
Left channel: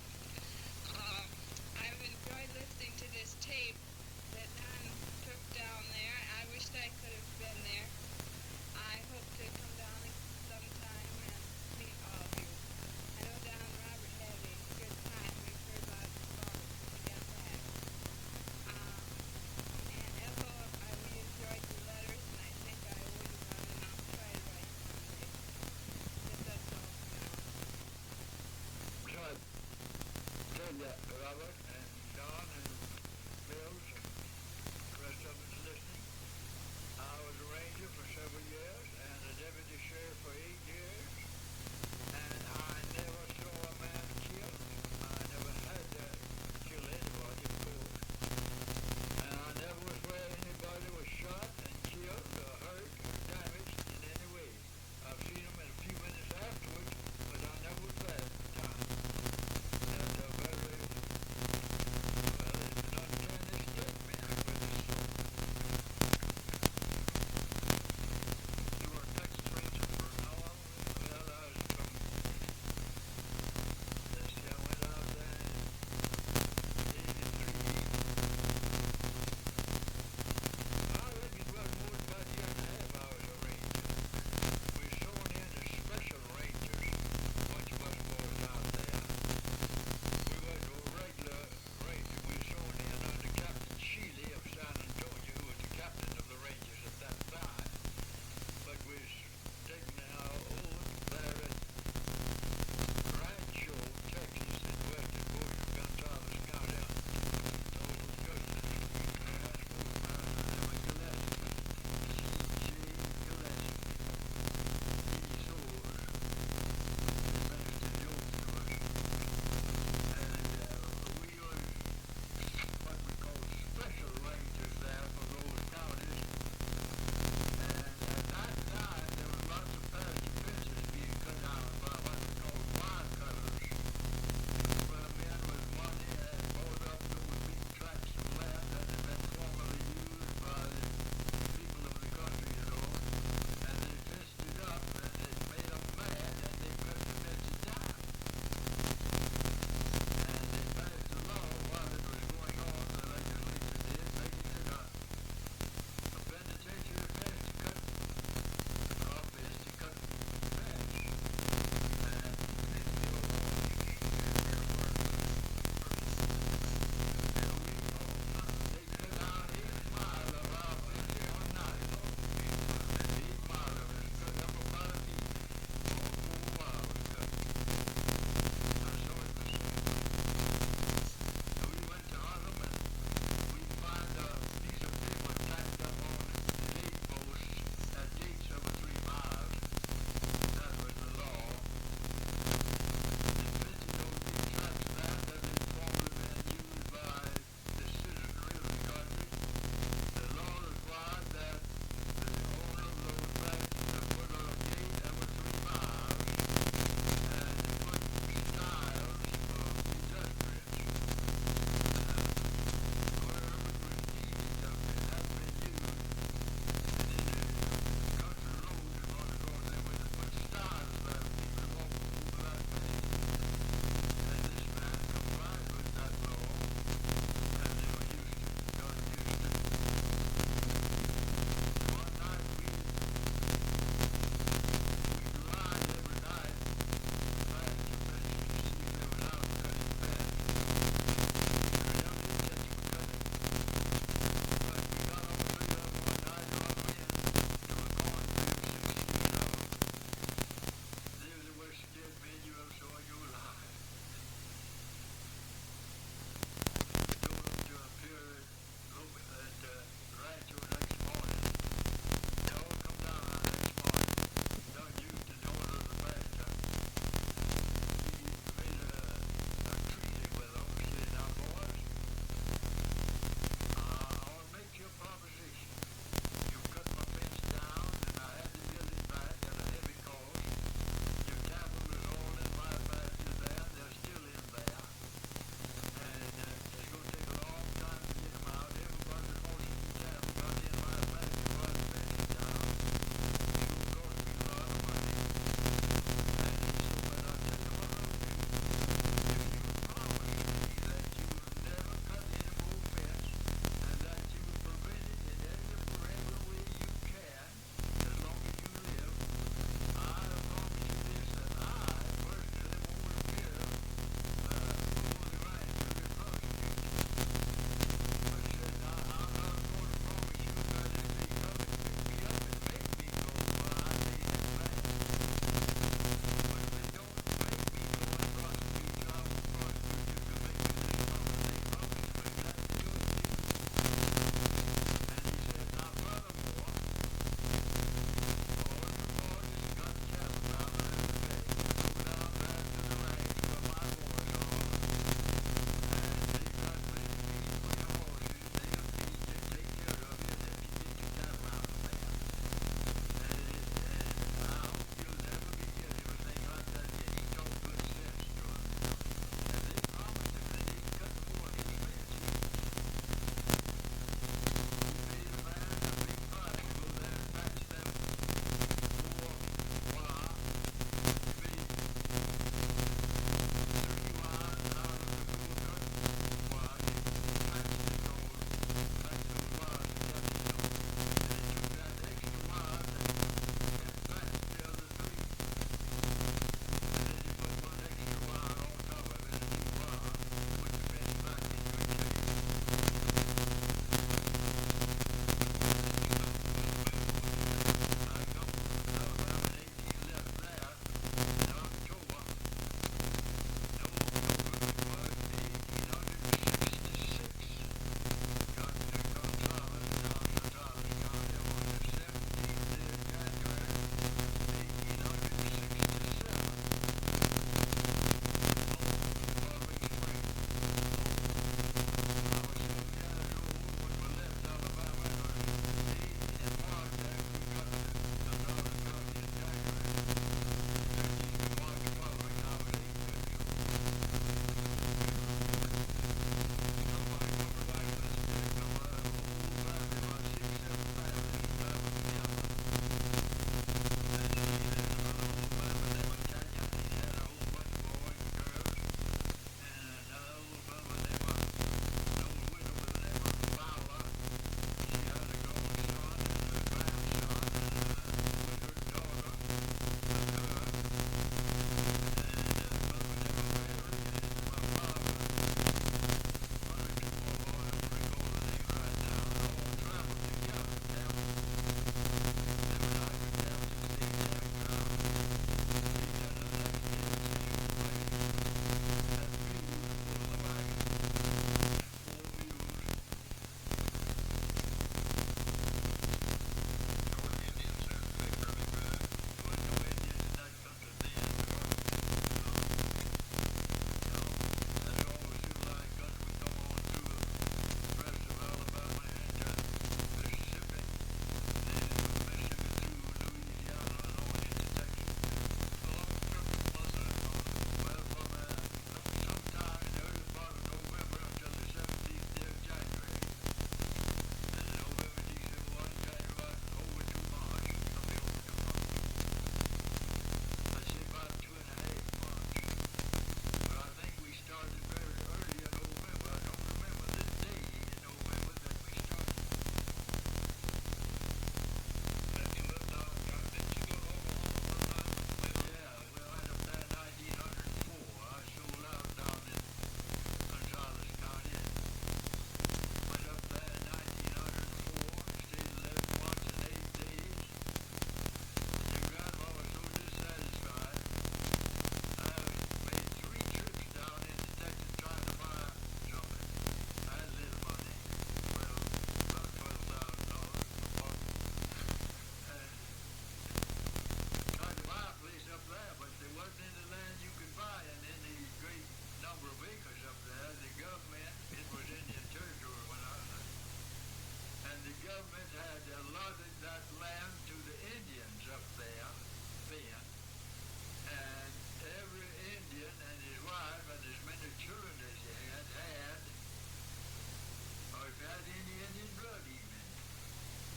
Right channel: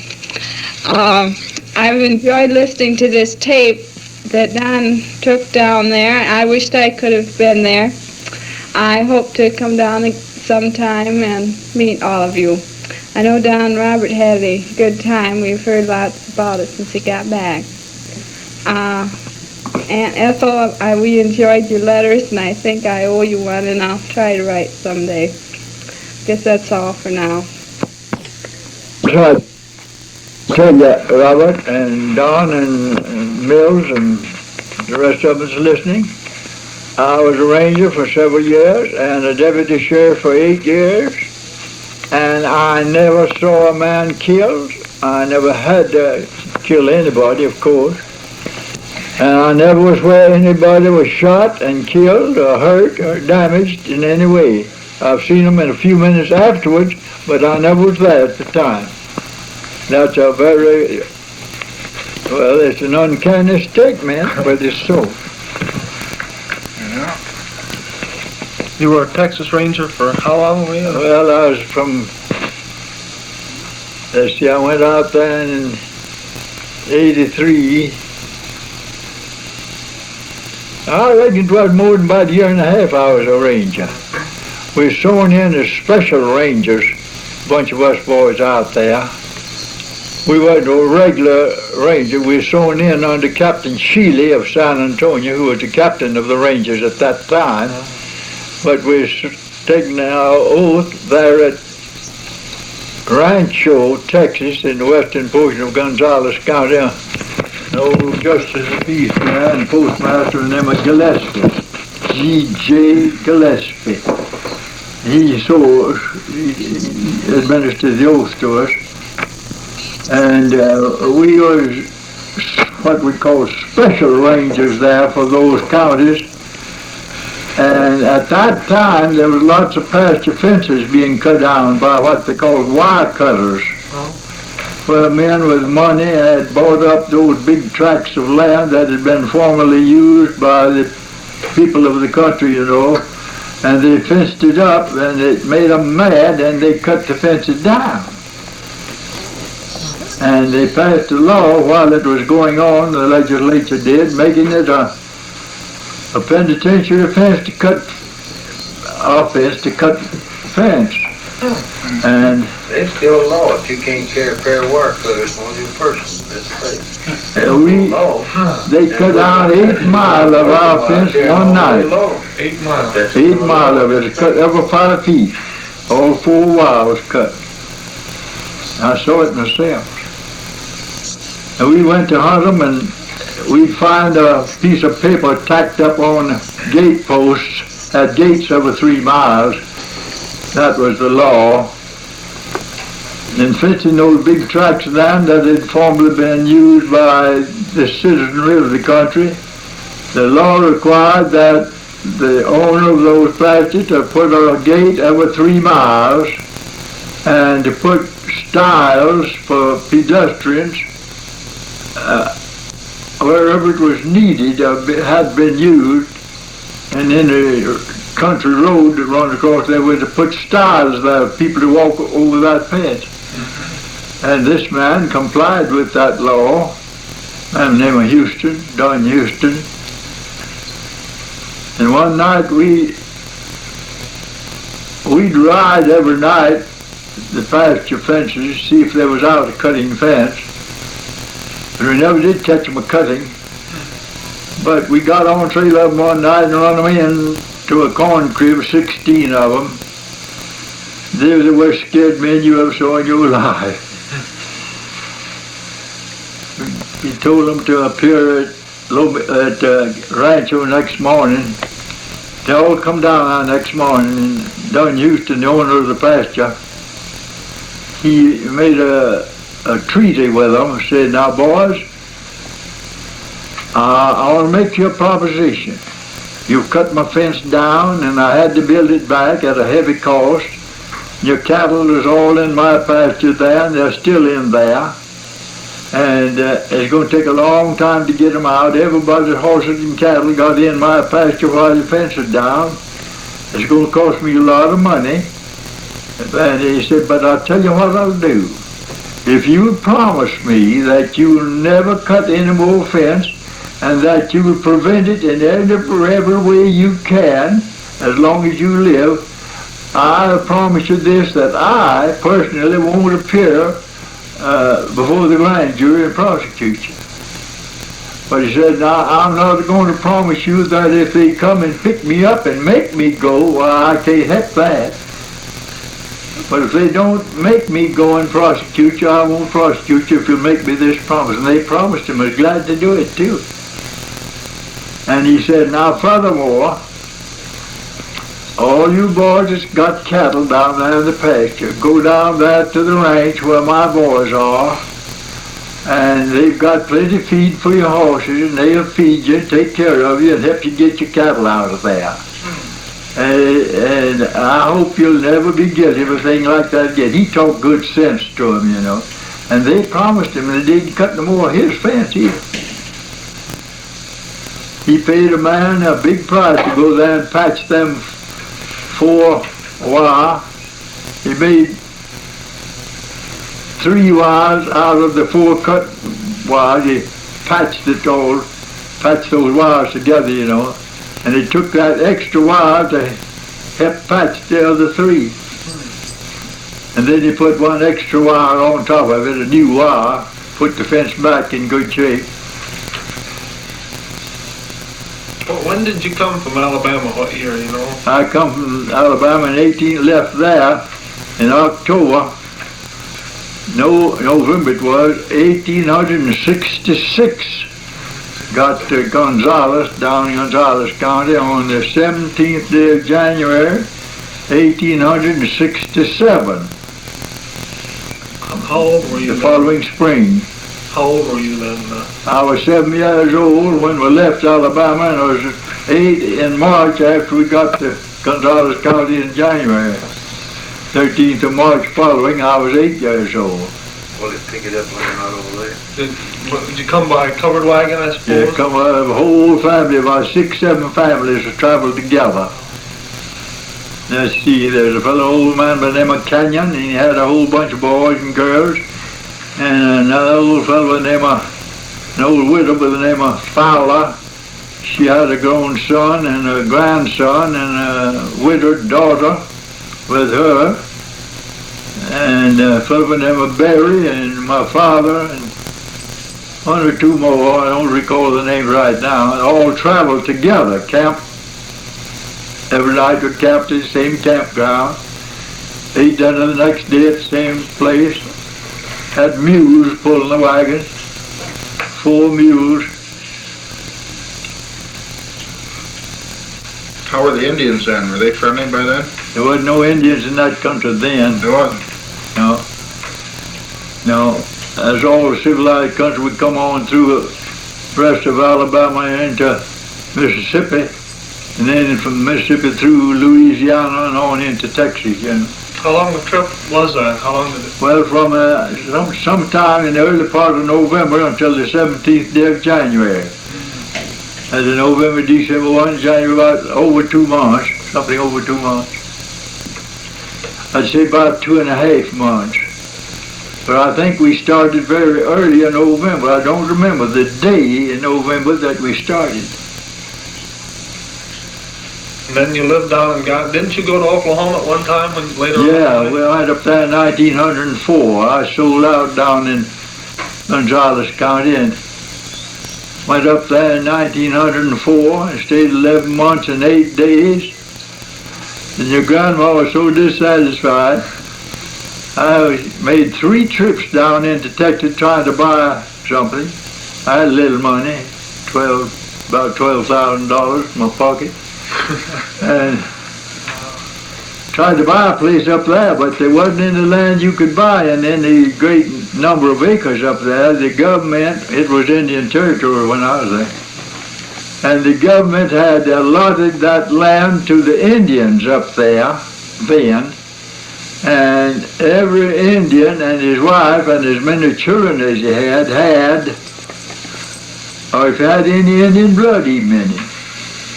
I've enjoyed listening to this tape that Don took down there. I wished I could have been there. I hope to come down sometime and meet all of you. I know Don and Robert had a good time. We've heard lots about it since he got back. Aunt Ethel, we enjoyed your letters, and I think I owe you one, and I'll try to write someday. Guess that's all for now. So I tell you, Robert and Don and Mills and the rest of us listening, I was a ranger for several years and a deputy sheriff for 8 years, and I never saw a man killed. I never had to kill anybody, of course. And I never was where anybody was shot and killed or hurt or damaged in any way. I've seen them in a few minutes afterwards, but I never was there at the time. That's a very Well, it's an uncanny statement, but it's so. Yeah. You were a Texas Ranger for how long were you? Well, I was from, let's see, I went out there in 83. I reckon it was more than about a year and a half I was a ranger. We were sworn in as special rangers, a bunch of us boys out there. We weren't a regular ranger. We were sworn in under Captain Shealy of San Antonio, who was the captain of the Rangers at that time. But we were taking our oath there at Rancho, Texas, in the western portion of Gonzales County. Old Justice of Peace man, postmaster named Gillespie, G.J. Gillespie. He administered the oath to us. And we was what we call special rangers there for those counties. And at that time, there was lots of pasture fences being cut down by what they called wire cutters. Where men with money had bought up those big tracts of land that had been formerly used by the people of the country, you know, and they fenced it up, and it made them mad, and they cut the fences down. And they passed a law while it was going on, the legislature did, making it a penitentiary offense to cut fence. And it's still a law if you can't carry a pair of wire cutters on your person. They cut down 8 miles of our fence one night. 8 miles. 8 miles of it, cut every 5 feet. All 4 wires cut. I saw it myself. And we went to hunt them, and we'd find a piece of paper tacked up on gate posts at gates every 3 miles. That was the law. In fencing those big tracts of land that had formerly been used by the citizenry of the country, the law required that the owner of those pastures to put a gate every 3 miles and to put stiles for pedestrians wherever it was needed, had been used, and in the country road that runs across there was to put stiles there for people to walk over that fence. And this man complied with that law. I'm named Houston, Don Houston. And one night we'd ride every night the pasture fences, see if they was out of cutting fence. But we never did catch them a cutting. But we got on trail of them one night and run them in to a corn crib, 16 of them. They were the worst scared men you ever saw in your life. He told them to appear at Rancho next morning. They all come down next morning. And Don Houston, the owner of the pasture, he made a treaty with them, said, now boys, I want to make you a proposition. You've cut my fence down and I had to build it back at a heavy cost. Your cattle is all in my pasture there and they're still in there. And it's going to take a long time to get them out. Everybody's horses and cattle got in my pasture while the fence is down. It's going to cost me a lot of money. And he said, but I'll tell you what I'll do. If you promise me that you'll never cut any more fence and that you will prevent it in every way you can, as long as you live, I promise you this, that I personally won't appear before the grand jury and prosecute you. But he said, now, I'm not going to promise you that if they come and pick me up and make me go, well, I can't help that. But if they don't make me go and prosecute you, I won't prosecute you if you make me this promise. And they promised him. I was glad to do it, too. And he said, now, furthermore, all you boys that's got cattle down there in the pasture, go down there to the ranch where my boys are, and they've got plenty of feed for your horses, and they'll feed you, take care of you, and help you get your cattle out of there. And I hope you'll never be guilty of a thing like that again. He talked good sense to him, you know. And they promised him they didn't cut no more of his fence either. He paid a man a big price to go there and patch them 4 wire. He made 3 wires out of the 4 cut wires. He patched it all, patched those wires together, you know. And he took that extra wire to help patch the other 3. And then he put 1 extra wire on top of it, a new wire, put the fence back in good shape. Well, when did you come from Alabama? What year, you know? I come from Alabama in 18, left there in October. No, November it was, 1866. Got to Gonzales, down in Gonzales County on the 17th day of January, 1867. How old were you the following spring. How old were you then? I was 7 years old when we left Alabama, and I was 8 in March after we got to Gonzales County in January. 13th of March following, I was 8 years old. Well, they pick it up when they're not over there. Did you come by a covered wagon, I suppose? Yeah, come out of a whole family, about 6, 7 families that traveled together. Let's see, there's a fellow old man by the name of Canyon, and he had a whole bunch of boys and girls. And another old fellow by the name of, an old widow by the name of Fowler. She had a grown son and a grandson and a widowed daughter with her. And a fellow by the name of Barry and my father and 1 or 2 more, I don't recall the name right now, all traveled together, camped. Every night we camped at the same campground. Ate dinner the next day at the same place. Had mules pulling the wagons, 4 mules. How were the Indians then? Were they friendly by then? There wasn't no Indians in that country then. There wasn't? No. No. As all the civilized country would come on through the rest of Alabama into Mississippi, and then from Mississippi through Louisiana and on into Texas. You know. How long the trip was that? How long did it? Well, from sometime in the early part of November until the 17th day of January. As in November, December 1, January, about over 2 months, something over 2 months. I'd say about 2.5 months. But I think we started very early in November. I don't remember the day in November that we started. And then you lived down and didn't you go to Oklahoma at one time when later Yeah, on? we went up there in 1904. I sold out down in Gonzales County and went up there in 1904 and stayed 11 months and 8 days. And your grandma was so dissatisfied. I made 3 trips down into Texas trying to buy something. I had a little money, about $12,000 in my pocket. And tried to buy a place up there, but there wasn't any land you could buy in any great number of acres up there. The government, it was Indian territory when I was there, and the government had allotted that land to the Indians up there then, and every Indian and his wife and as many children as he had, or if he had any Indian blood even in him,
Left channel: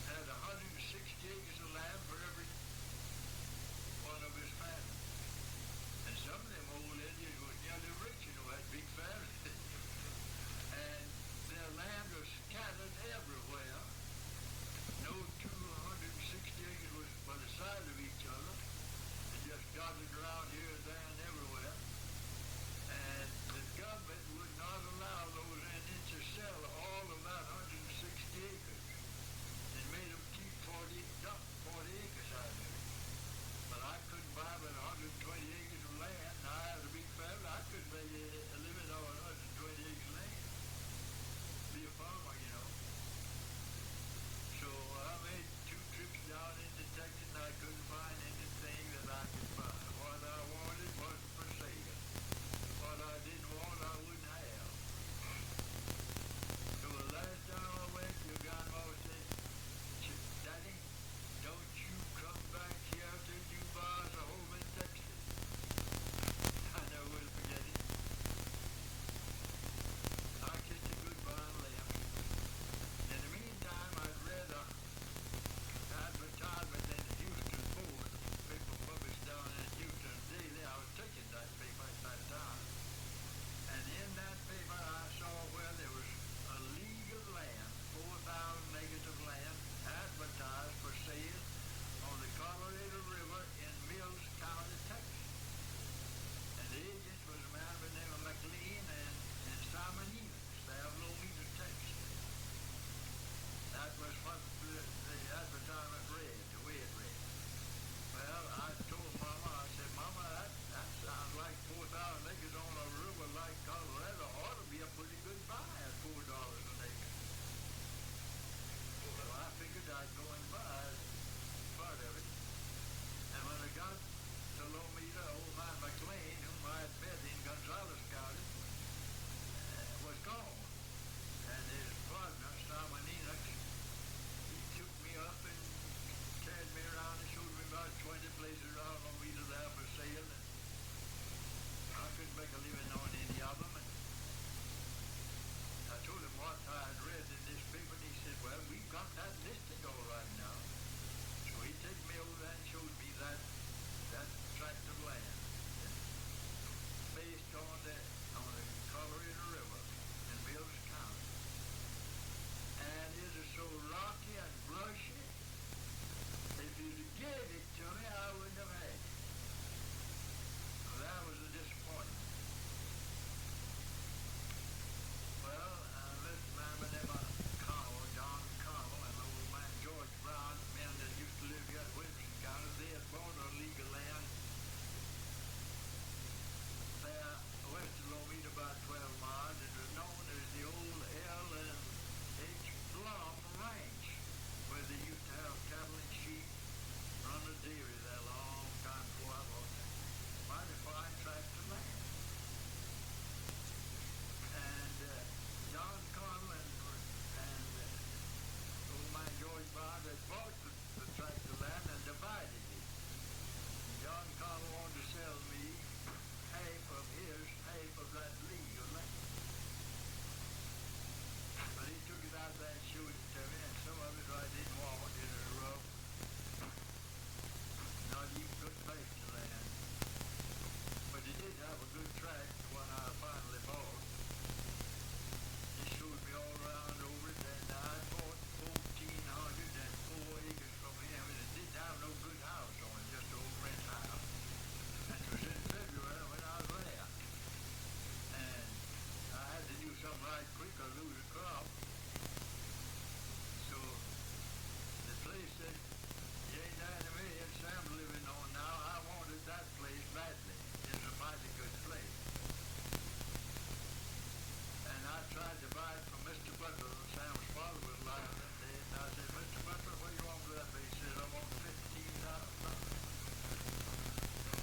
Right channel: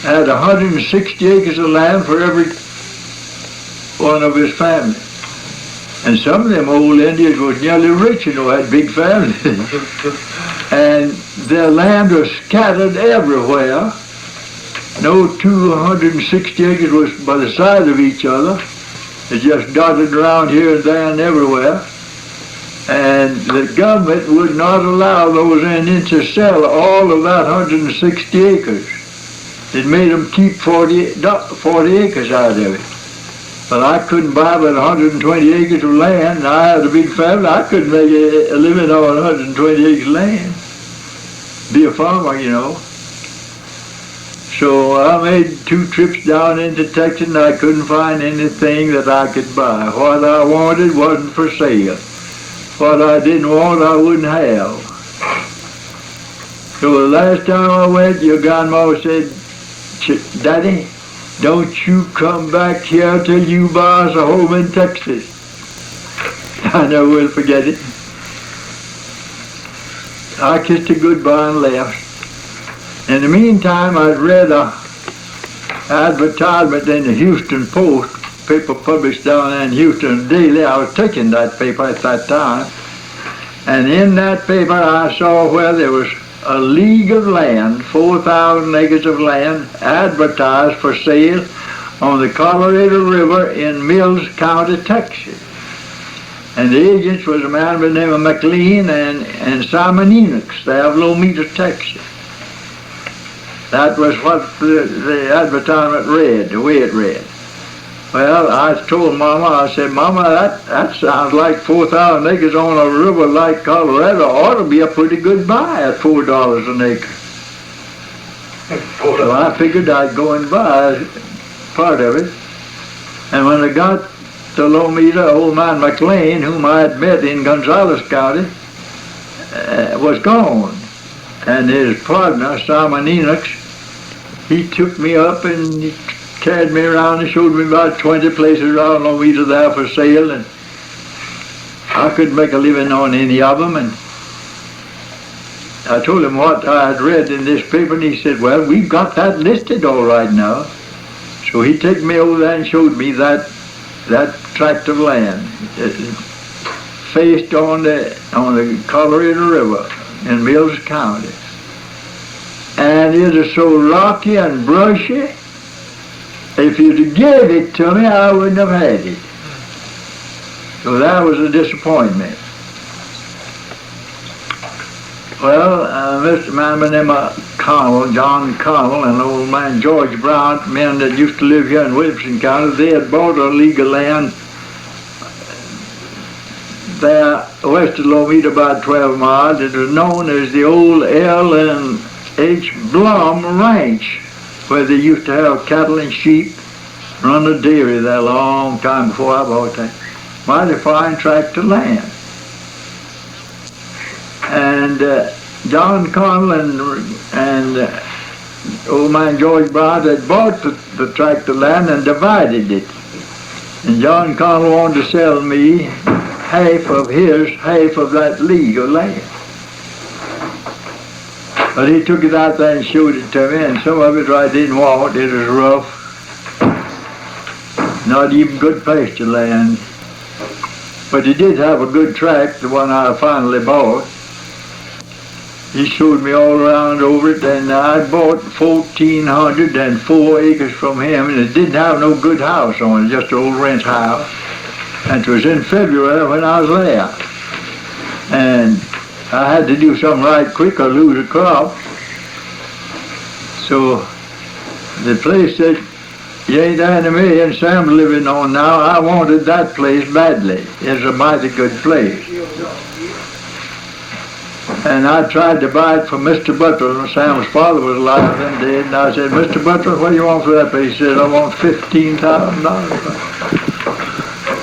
had 160 acres of land for every one of his family. And some of them old Indians was nearly rich, you know, had big families. And their land was scattered everywhere. No 260 acres was by the side of each other. It just dotted around here and there and everywhere. And the government would not allow those Indians to sell all of that 160 acres. It made them keep 40 acres out of it. But I couldn't buy but 120 acres of land, and I had a big family. I couldn't make a living on 120 acres of land. Be a farmer, you know. So I made 2 trips down into Texas, and I couldn't find anything that I could buy. What I wanted wasn't for sale. What I didn't want, I wouldn't have. So the last time I went, your grandma said, "Daddy, don't you come back here till you buy us a home in Texas." I never will forget it. I kissed her goodbye and left. In the meantime, I'd read a advertisement in the Houston Post, paper published down there in Houston daily. I was taking that paper at that time. And in that paper, I saw where there was a league of land, 4,000 acres of land, advertised for sale on the Colorado River in Mills County, Texas. And the agents was a man by the name of Magdalene and Simon Enochs, they of Lomita, Texas. That was what the advertisement read, the way it read. Well, I told Mama, I said, Mama, that sounds like 4,000 acres on a river like Colorado ought to be a pretty good buy at $4 an acre. So I figured I'd go and buy part of it. And when I got to Lomita, old man McLean, whom I had met in Gonzales County, was gone. And his partner, Simon Enochs, he took me up and he carried me around and showed me about 20 places around Lomita there for sale, and I couldn't make a living on any of them. And I told him what I had read in this paper, and he said, well, we've got that listed all right now. So he took me over there and showed me that tract of land faced on the Colorado River in Mills County. And it is so rocky and brushy, if you'd have gave it to me, I wouldn't have had it. So that was a disappointment. Well, Mr. Man by the name of Connell, John Connell, and old man George Brown, men that used to live here in Williamson County, they had bought a league of land there west of Lomita, about 12 miles. It was known as the old L&H Blum Ranch, where they used to have cattle and sheep, run a dairy there a long time before I bought that. Mighty fine tract of land. And John Connell and old man George Brown had bought the tract of land and divided it. And John Connell wanted to sell me half of his, half of that league of land. But he took it out there and showed it to me, and some of it I didn't want. It was rough, not even good pasture land. But he did have a good tract, the one I finally bought. He showed me all around over it, and I bought 1,404 acres from him, and it didn't have no good house on it, just an old ranch house. And it was in February when I was there. And I had to do something right quick or lose a crop. So the place that Annie Mae and Sam living on now, I wanted that place badly. It's a mighty good place. And I tried to buy it from Mr. Butler, and Sam's father was alive then dead, and I said, Mr. Butler, what do you want for that place? He said, I want $15,000.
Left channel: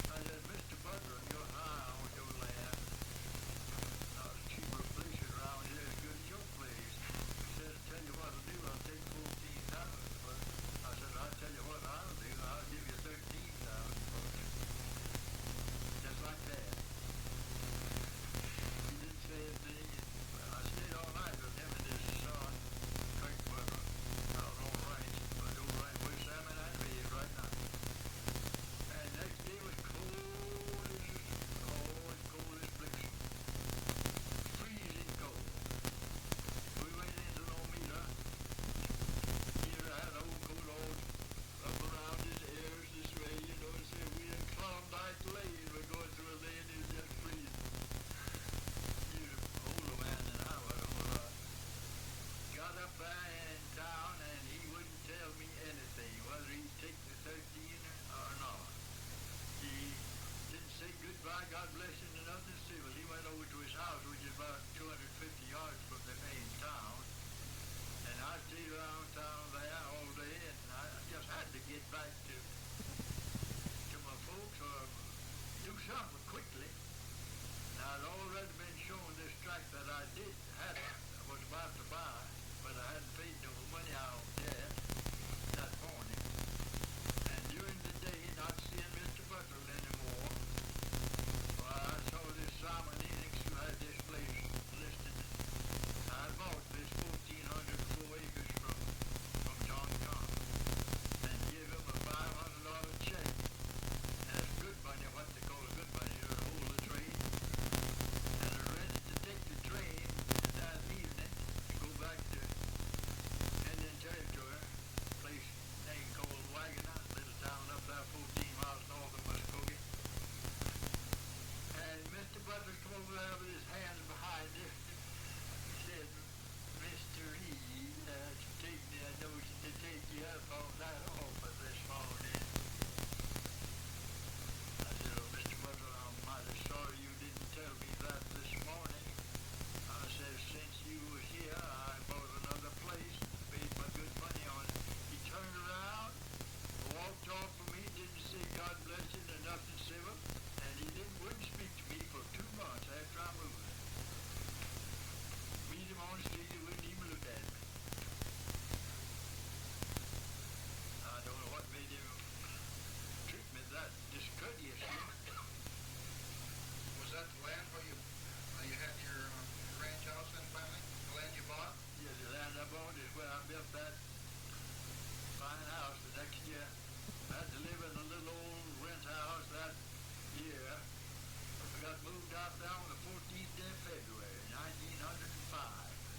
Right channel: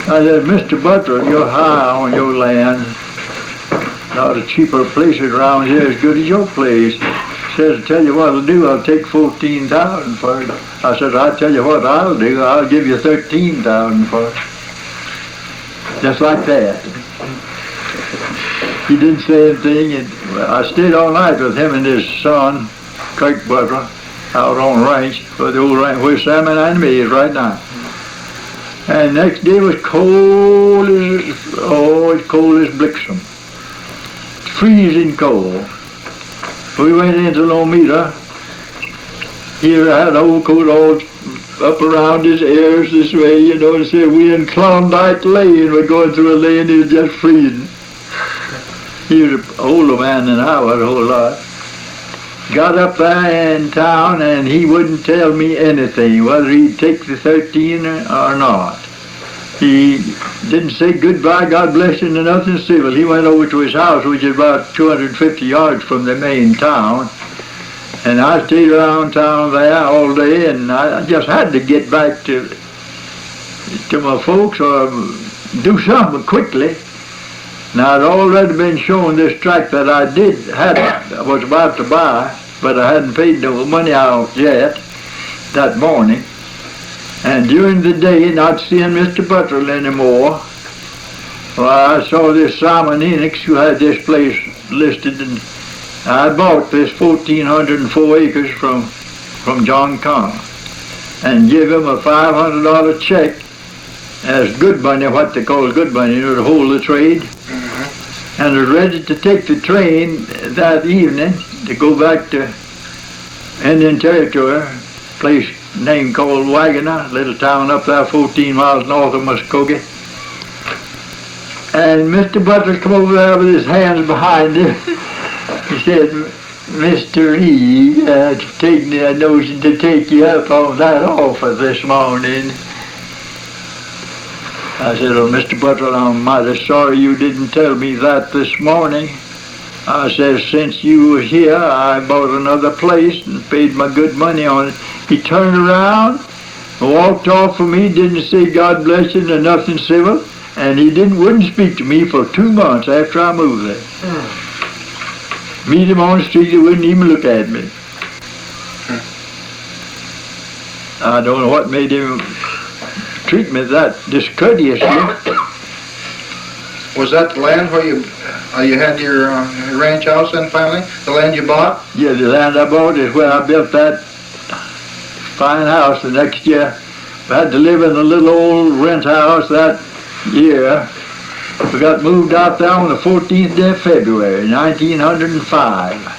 I said, Mr. Butler, you're high on your land. Not a cheaper places around here as good as your place. He says, I tell you what I'll do, I'll take $14,000 for it. I said, I'll tell you what I'll do, I'll give you $13,000 for it. Just like that. He didn't say anything, and I stayed all night with him and his son, Kirk Butler, out on the ranch, for the old ranch where Sam and Annie Mae is right now. And next day was cold as, it's cold as Blixen. Freezing cold. We went into Lomita. He had an old coat all up around his ears this way, and said, we in Klondike Lane, we're going through a lane, he was just freezing. He was an older man than I was a whole lot. Got up there in town, and he wouldn't tell me anything, whether he'd take the 13 or not. He didn't say goodbye, God bless you, or nothing civil. He went over to his house, which is about 250 yards from the main town. And I stayed around town there all day, and I just had to get back to my folks or do something quickly. Now, I'd already been shown this tract that I was about to buy, but I hadn't paid no money out yet that morning. And during the day, not seeing Mr. Butler anymore, well, I saw this Simon Enochs, who had this place listed, and I bought this 1,404 acres from John Connor and give him a $500 check as good money, what they call good money, you know, to hold the trade. And was ready to take the train that evening to go back to Indian Territory, place name called Waggoner, little town up there 14 miles north of Muskogee. And Mr. Butler come over there with his hands behind him. He said, Mr. Reid, taking the notion to take you up on that offer this morning. I said, well, Mr. Butler, I'm mighty sorry you didn't tell me that this morning. I said, since you were here, I bought another place and paid my good money on it. He turned around, walked off from me, didn't say God bless you or nothing civil, and he wouldn't speak to me for 2 months after I moved there. Meet him on the street, he wouldn't even look at me. I don't know what made him treat me that discourteously. Was that the land where you had your ranch house then finally? The land you bought? Yeah, the land I bought is where I built that fine house the next year. I had to live in a little old rent house that year. We got moved out there on the 14th day of February, 1905.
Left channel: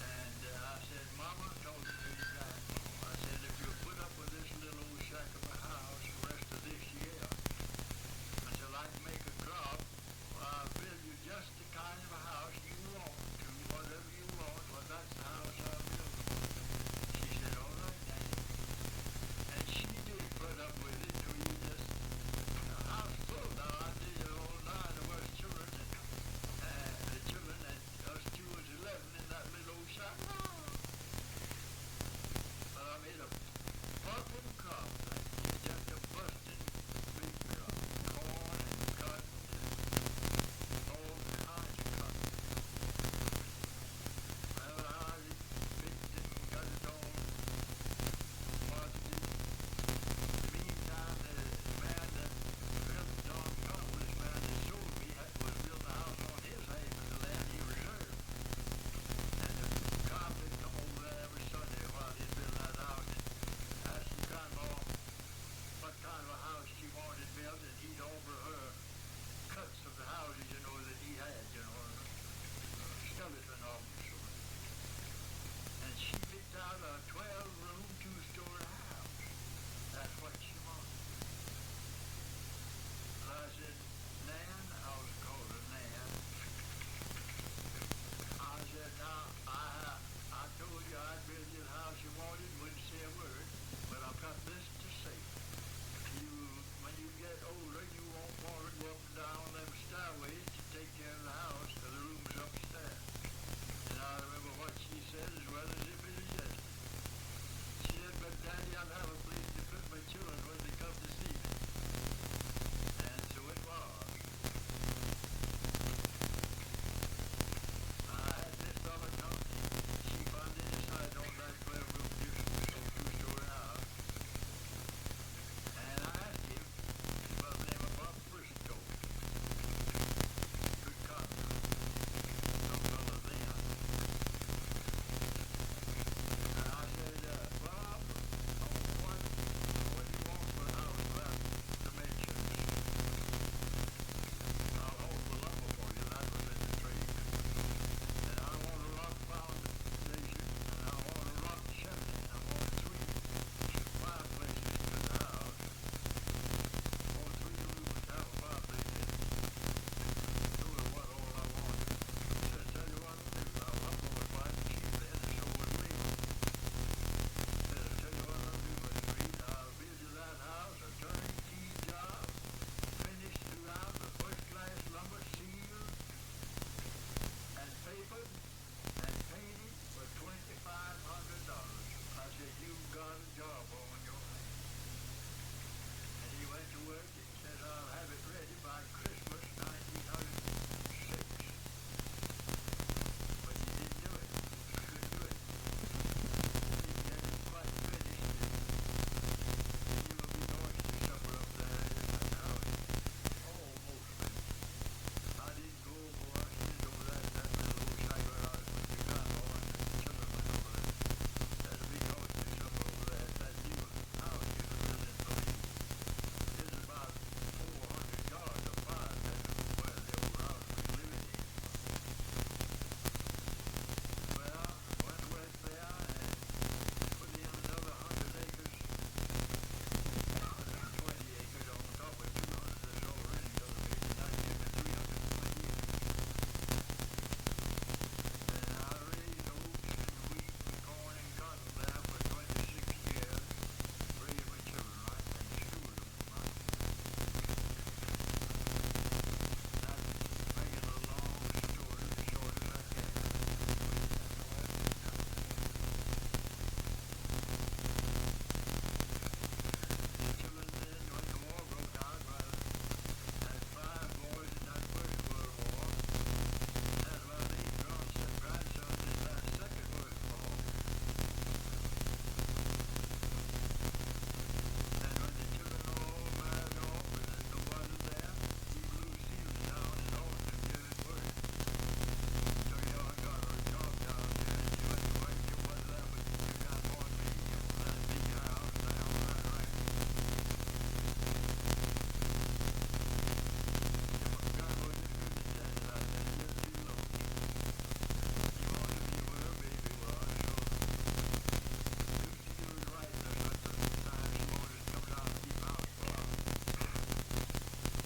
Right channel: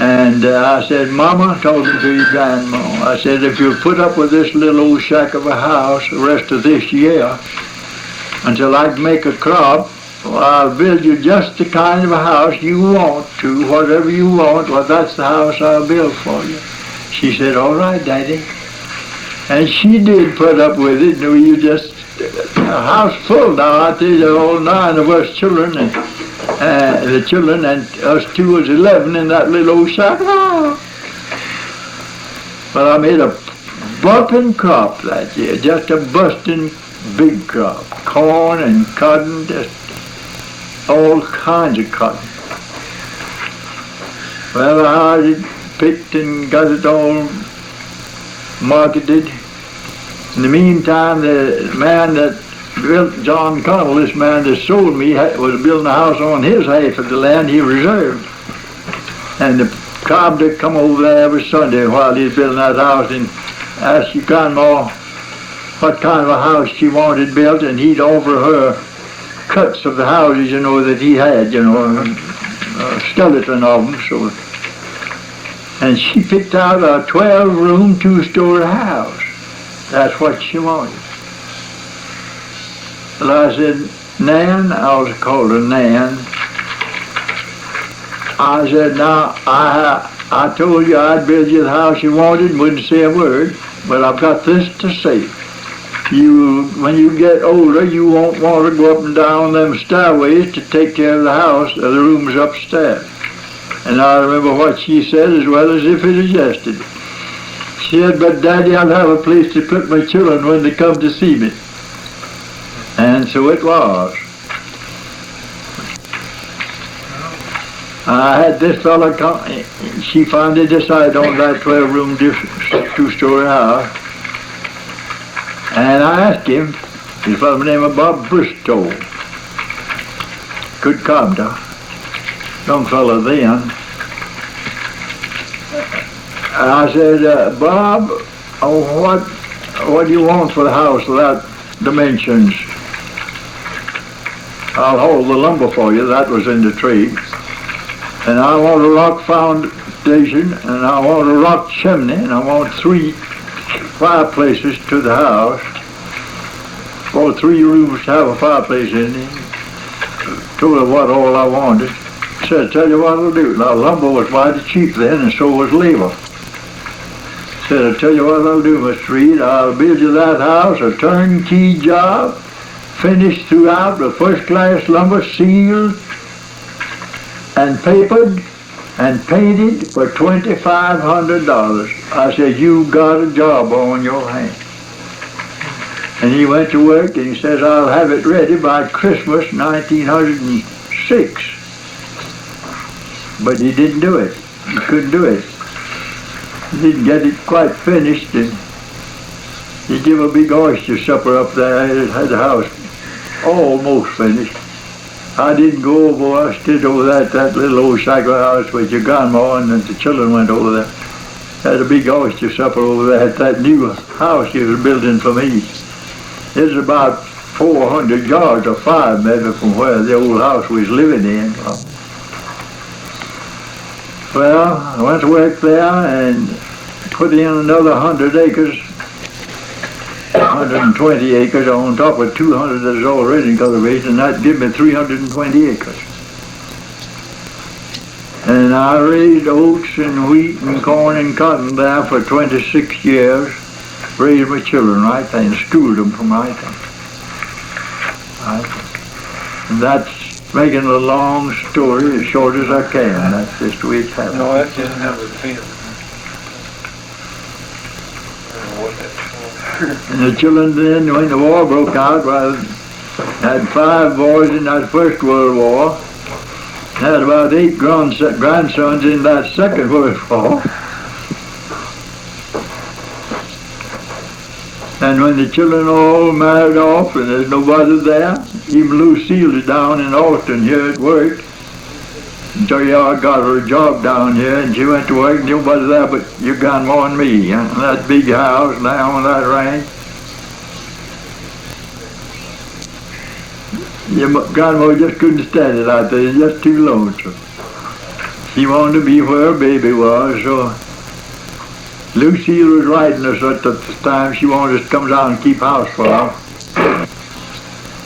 And I said, Mama, talking to your grandma, I said, if you'll put up with this little old shack of a house the rest of this year until I can make a crop, well, I'll build you just the kind of a house you want to, whatever you want, well, that's the house I'll build for you. She said, all right, Daddy. And she did put up with it. You just, a house full now, I tell you, all 9 of us children, and the children and us 2 was 11 in that little old shack. But I made a bumping crop that year, just a busting big crop. Corn and cotton, just all kinds of cotton. Well, I had it picked and got it all marketed. In the meantime, the man that built John Connell, this man that sold me, was building a house on his half of the land he reserved. And the carpenter come over there every Sunday while he was building that house and asked your grandma what kind of a house she wanted built, and he'd offer her cuts of the houses, you know, that he had, you know, a skeleton of them. So, and she picked out a 12-room, 2-story house. That's what she wanted. Well, I said, Nan, I was called her Nan. I said, now, I told you I'd build you the house you wanted and wouldn't say a word, but I've got this to say. When you get older, you won't want to go up and down them stairways to take care of the house or the rooms upstairs. And I remember what she said as well as if it is yesterday. She said, but Daddy, I'll have a place to put my children when they come to see me. And so it was. I had this fellow come, she finally decided on that 12-room, 2-story house. And I asked him, he's a fellow named Bob Bristow, good carpenter, young fellow then. And I said, Bob, what do you want for the house of that dimensions? I'll hold the lumber for you, that was in the trade. And I want a rock foundation, and I want a rock chimney, and I want 3 fireplaces to the house. Or 3 rooms to have a fireplace in it. Told her what all I wanted. Said, tell you what I'll do. Now lumber was mighty cheap then, and so was labor. Said, I'll tell you what I'll do, Mr. Reid. I'll build you that house, a turnkey job, finished throughout with first-class lumber, sealed and papered and painted for $2,500. I said, you got a job on your hands. And he went to work and he says, I'll have it ready by Christmas 1906. But he didn't do it. He couldn't do it. He didn't get it quite finished, and he gave a big oyster supper up there. It had the house almost finished. I didn't go over. I stayed over there at that little old cycle house with your grandma, and then the children went over there. Had a big oyster supper over there at that new house she was building for me. It's about 400 yards or 5 maybe from where the old house we was living in. Well, I went to work there and put in another 100 acres, 120 acres on top of 200 that's already in cultivation, and that gave me 320 acres. And I raised oats and wheat and corn and cotton there for 26 years, raised my children right there and schooled them from right there. And that's making a long story as short as I can. That's just the way it's happened. No, that didn't have a feel. And the children then, when the war broke out, well, had 5 boys in that First World War, had about 8 grandsons in that Second World War. And when the children all married off and there's nobody there, even Lucille is down in Austin here at work. So yeah, I got her a job down here and she went to work, nobody there but your grandma and me. And that big house down on that ranch. Your grandma just couldn't stand it out there, it's just too lonesome. She wanted to be where her baby was, so Lucille was writing us at the time. She wanted us to come down and keep house for her.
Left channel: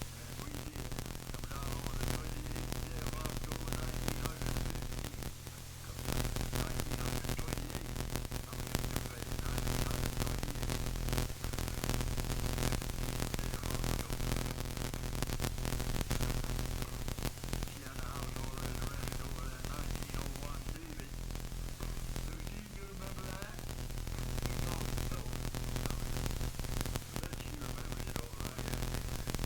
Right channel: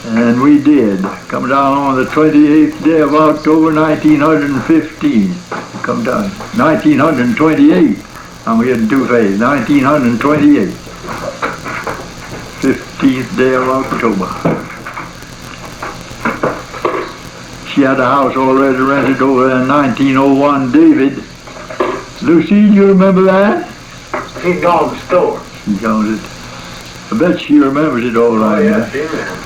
And we did. Come down on the 28th day of October, 1915. Come down. 1928. I'm getting too fast. 1928. 15th day of October. She had a house already rented over there in 1901, David. Lucille, you remember that? He's gone to the store. She knows it. I bet she remembers it all right. Yeah, she remembers.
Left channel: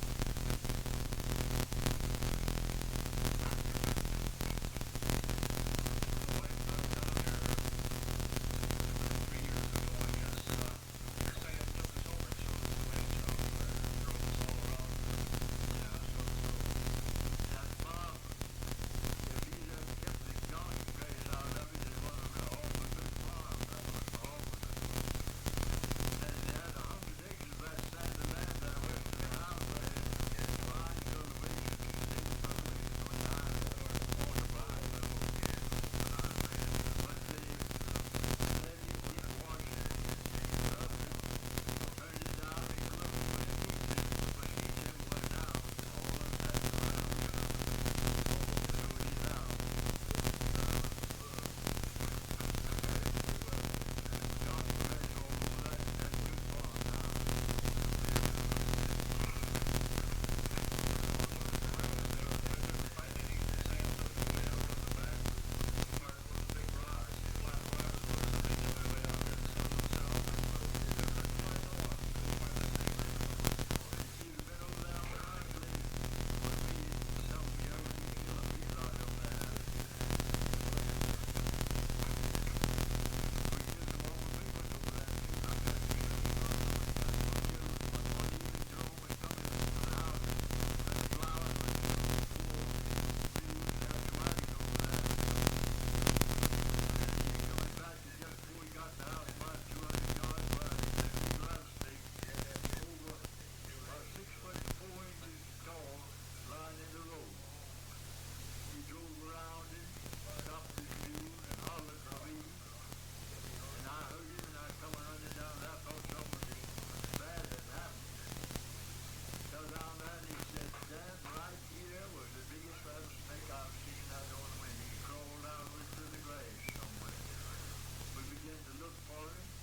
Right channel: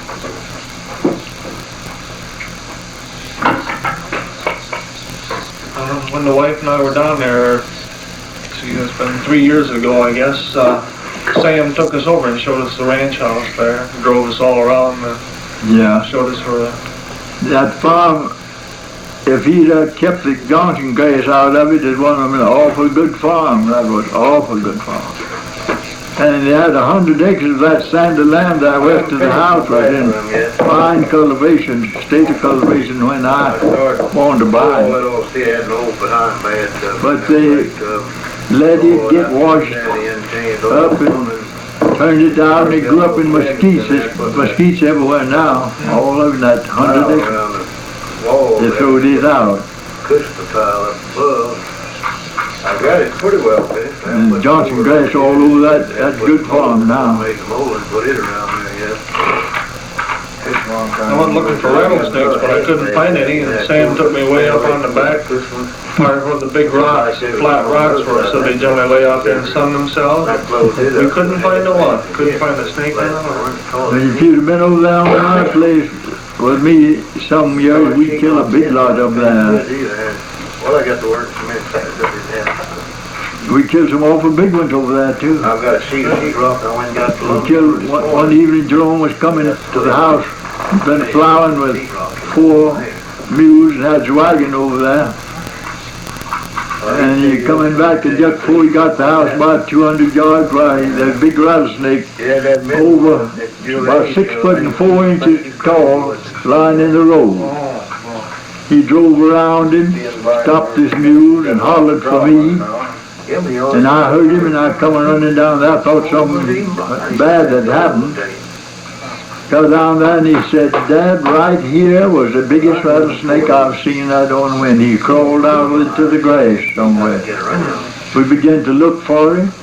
When the wife and I were down there, see, it's been 3 years ago, I guess, Sam took us over and showed us the ranch house there, drove us all around and yeah. Showed us where that farm, if he'd kept the Johnson grass out of it, it was an awful good farm. That was awful good farm. And they had 100 acres of that sandy land there west of the house was in fine cultivation, state of cultivation when I wanted to buy it. But they let it get washed up and turned it down. They grew up in mesquites. There's mesquites everywhere now, all over that 100 acres. They threw it out. I got it pretty well finished. And Johnson grass all over that good farm now. I went looking for rattlesnakes, but I couldn't find any, and Sam took me way up on the back part where the big rocks, flat rocks were, so they generally lay out there and sun themselves. We couldn't find a one. Couldn't find a snake in But if you'd have been over there on my place with me some years, we'd kill a big lot up there. Well, I got to work some We killed some awful big ones over there, too. I've got a sheetrock. I went and got the We killed, one evening, Jerome was coming to the house. He'd been plowing with 4 mules and had his wagon over there. And he coming back, and just before he got the house, about 200 yards, where that big rattlesnake over about 6 foot and 4 inches tall, lying in the road. He drove around him, stopped his mules, and hollered for me. And I heard him, and I come running down there. I thought something bad had happened. Got down there, and he said, "Dad, right here was the biggest rattlesnake I've seen that on wind. He crawled out into the grass somewhere." We began to look for him,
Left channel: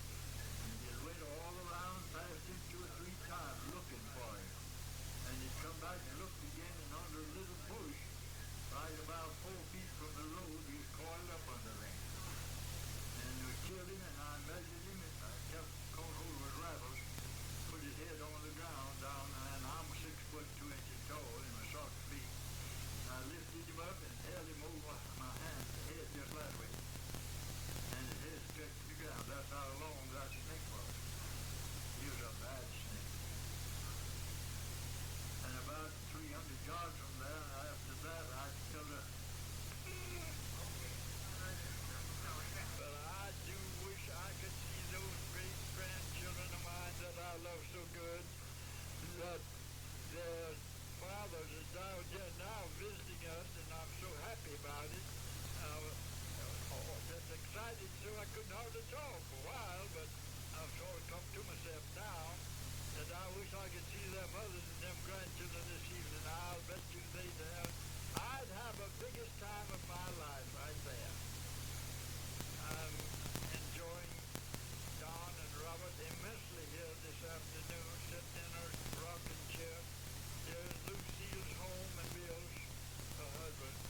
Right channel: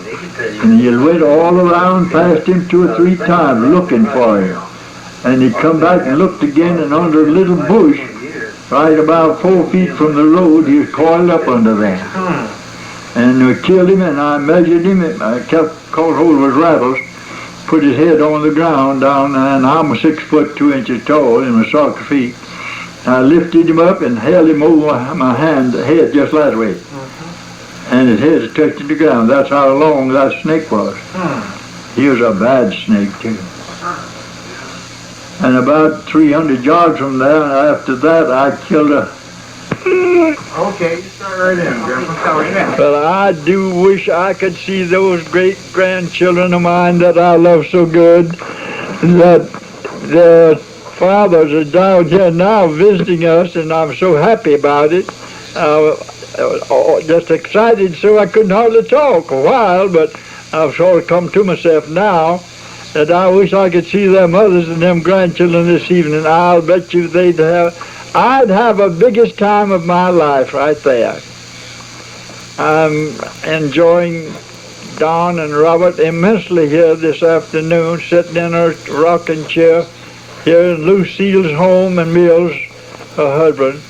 and he went all around past him 2 or 3 times looking for him. And he come back and looked again, and under a little bush, right about 4 feet from the road, he was coiled up under there. And we killed him, and I measured him, and I caught hold of his rattles, put his head on the ground down there, and I'm 6 foot 2 inches tall in my soccer feet. I lifted him up and held him over my head just that way. And his head was touching the ground. That's how long that snake was. He was a bad snake, too. And about 300 yards from there, and after that, I killed a... Okay, you start right in, Grandpa. Start right in. Well, I do wish I could see those great-grandchildren of mine that I love so good, that their fathers are down here now visiting us, and I'm so happy about it. Just excited so I couldn't hardly talk a while, but I've sort of come to myself now that I wish I could see their mothers and them grandchildren this evening. I'll bet you I'd have a biggest time of my life right there. I'm enjoying Don and Robert immensely here this afternoon, sitting in a rocking chair here in Lucille's home and Mills, her husband.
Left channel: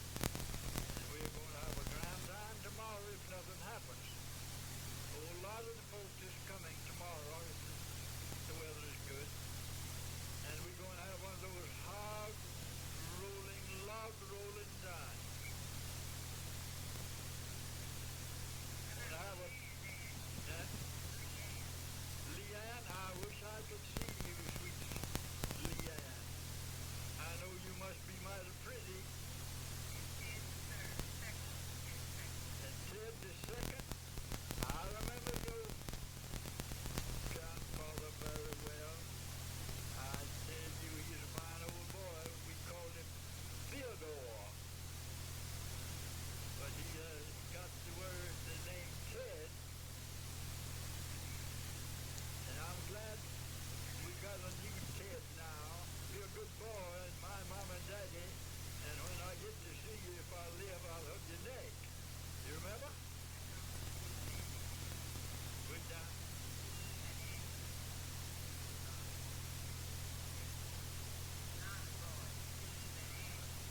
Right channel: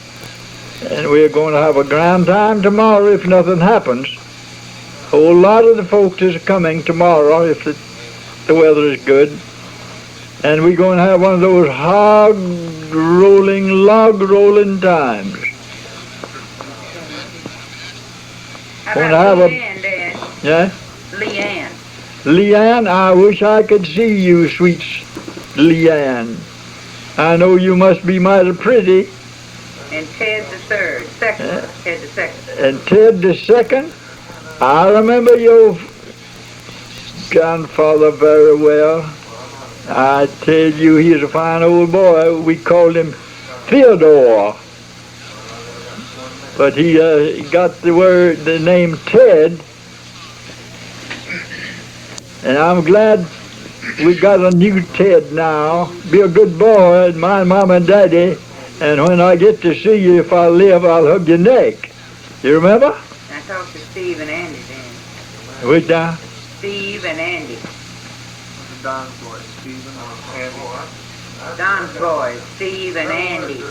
And we're going to have a grand time tomorrow if nothing happens. A whole lot of the folks is coming tomorrow if the weather is good. And we're going to have one of those log rolling times. How about Leanne, Dad? Yeah? Leanne. Leanne, I wish I could see you, sweet Leanne. I know you must be mighty pretty. And Ted the third, second. Ted the second. And Ted the second? I remember your grandfather very well. I tell you, he's a fine old boy. We called him Theodore. But he got the name Ted. And I'm glad we got a new Ted now. Be a good boy and mind Mom and Daddy. And when I get to see you, if I live, I'll hug your neck. You remember? I talked to Steve and Andy then. Which now? Steve and Andy. Don's boy, Steve and Andy. Don's boys, Steve and Andy.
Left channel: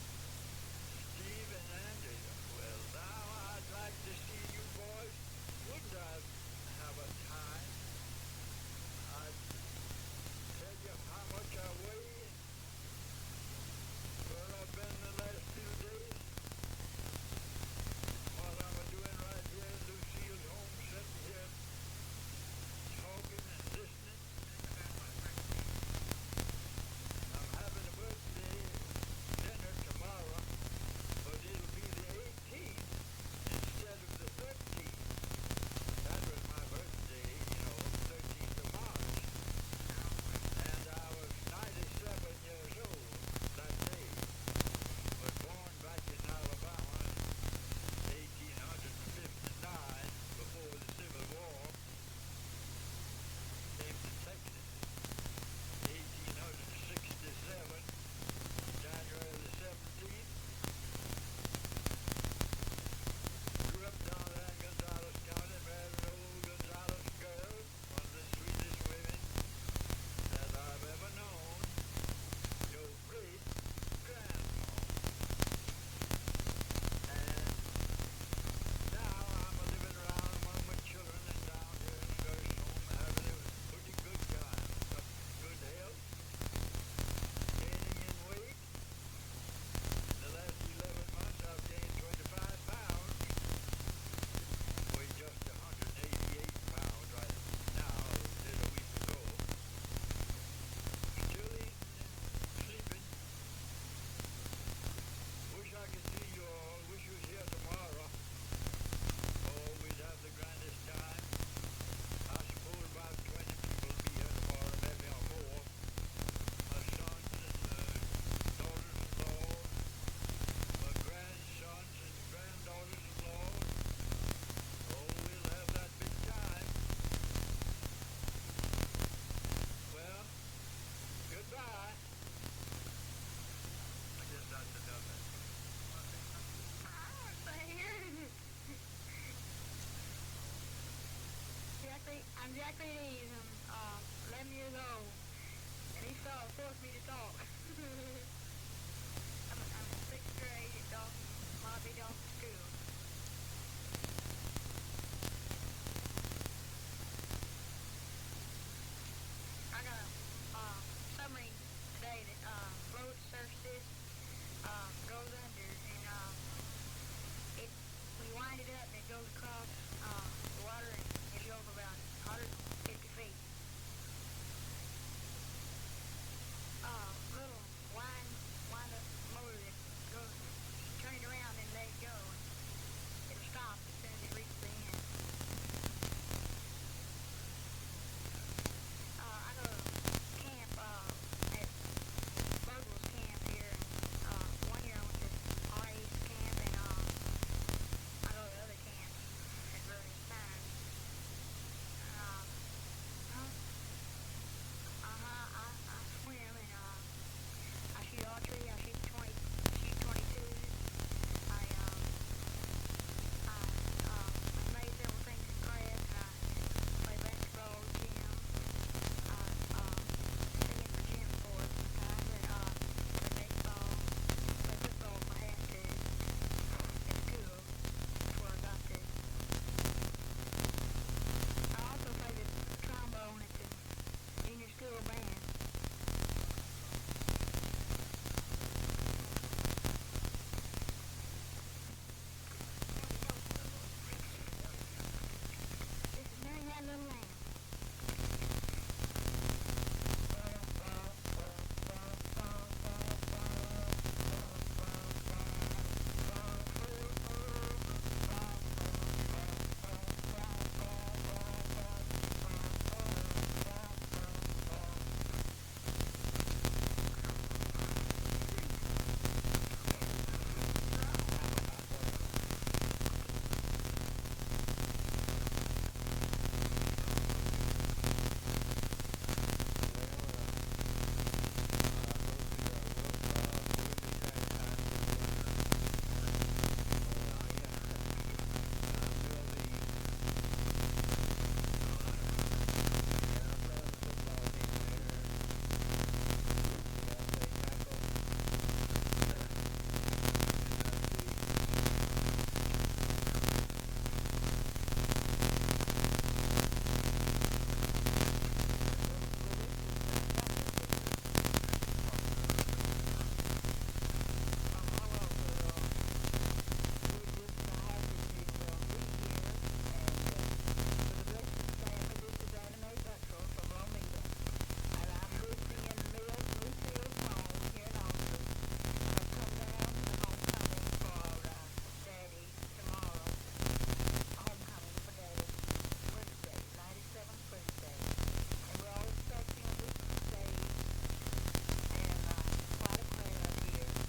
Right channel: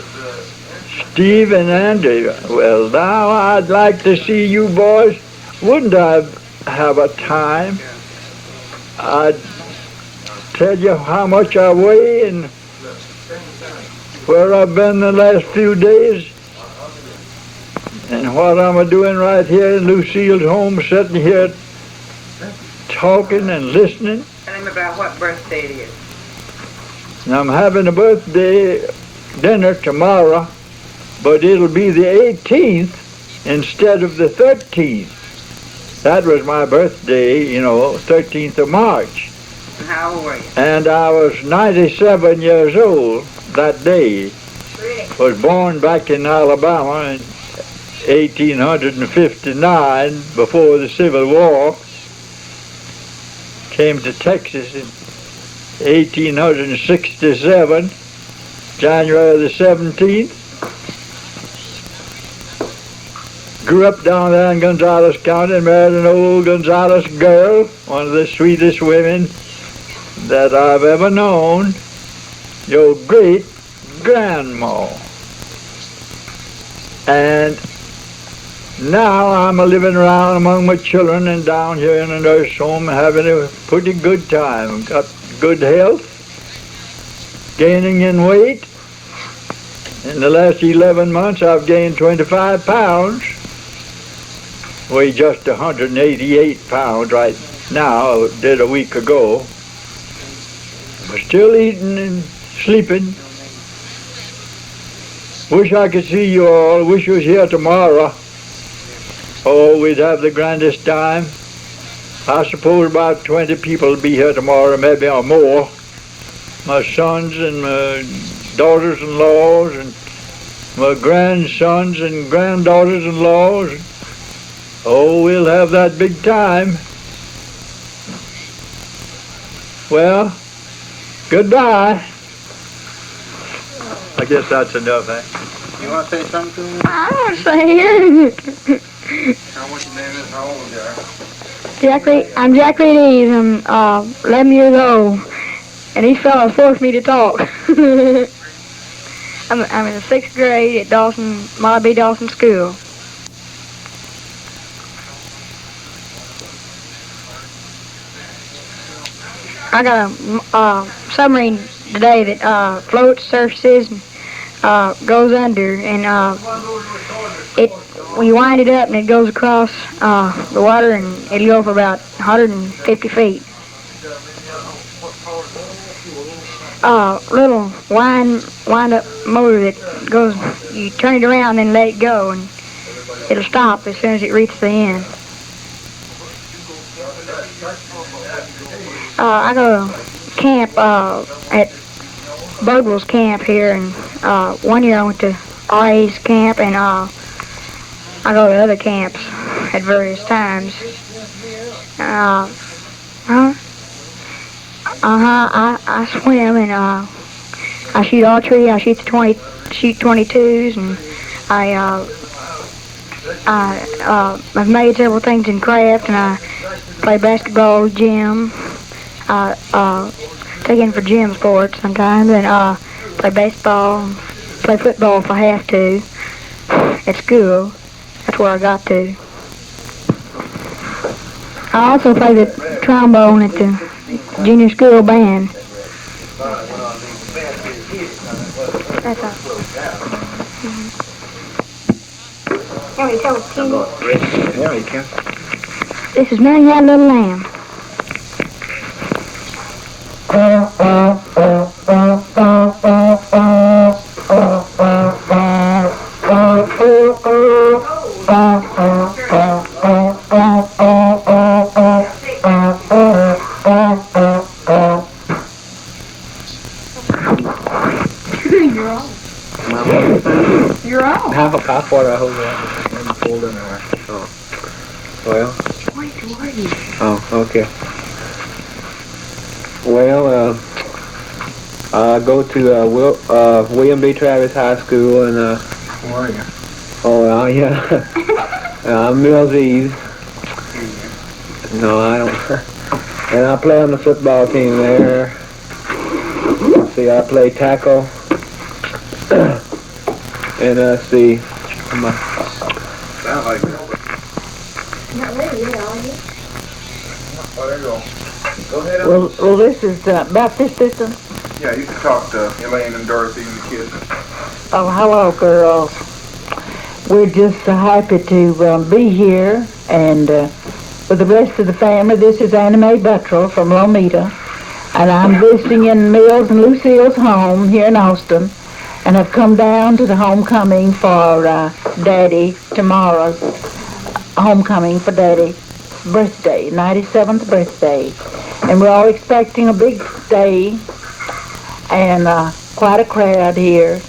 Steve and Andy. Well, now I'd like to see you boys. Wouldn't I have a time? I'd tell you how much I weigh and where I've been the last few days and what I'm doing right here in Lucille's home, sitting here talking and listening. Tell him about what birthday it is. And I'm having a birthday dinner tomorrow, but it'll be the 18th instead of the 13th. That was my birthday, 13th of March. And how old were you? And I was 97 years old that day. Was born back in Alabama in 1859 before the Civil War. Came to Texas in 1867, January the 17th. Grew up down there in Gonzales County and married an old Gonzales girl, one of the sweetest women that I've ever known, your great-grandma. And now I'm living around among my children and down here in a nurse home having a pretty good time. Got good health, gaining in weight. In the last 11 months I've gained 25 pounds. Weigh just 188 pounds right now, did a week ago. But still eating and sleeping. Wish I could see you all. Wish you was here tomorrow. Oh, we'd have the grandest time. I suppose about 20 people will be here tomorrow, maybe or more. My sons and my daughters-in-laws and my grandsons and granddaughters-in-laws. Oh, we'll have that big time. Well, goodbye. I guess that's enough, eh? You want to say something to me? I want to say it. What's your name is? How old you are? I'm Jack Reid Eaves. I'm 11 years old. And these fellows forced me to talk. I'm in the 6th grade at Malda B. Dawson School. I got a submarine today that floats, surfaces, and goes under, and when you wind it up and it goes across the water, and it'll go for about 150 feet. little wind-up motor that goes, you turn it around and let it go, and it'll stop as soon as it reaches the end. I go to camp at Birdwell's camp here, and 1 year I went to RA's camp, and I go to other camps at various times. I swim, and I shoot archery. I shoot 22s, and I've made several things in craft, and I play basketball, gym. Take in for gym sports sometimes, and play baseball, play football if I have to. At school, that's where I got to. I also play the trombone at the junior school band. That's all. This is Mary Had a Little Lamb. You're on. Half water I hold that and pulled in there. Oh. Well. Oh, okay. Well, I go to William B. Travis High School, and where are you? Oh, yeah. I'm Mills Eaves. No, I don't. And I play on the football team there. See, I play tackle. And see, Sound like it. Go ahead. Well, this is Baptist system. Yeah, you can talk to Elaine and Dorothy and the kids. Oh, hello, girls. We're just happy to be here, and with the rest of the family, this is Annie Mae from Lomita, and I'm visiting in Mills and Lucille's home here in Austin, and I've come down to the homecoming for Daddy tomorrow's homecoming for Daddy's birthday, 97th birthday, and we're all expecting a big day and quite a crowd here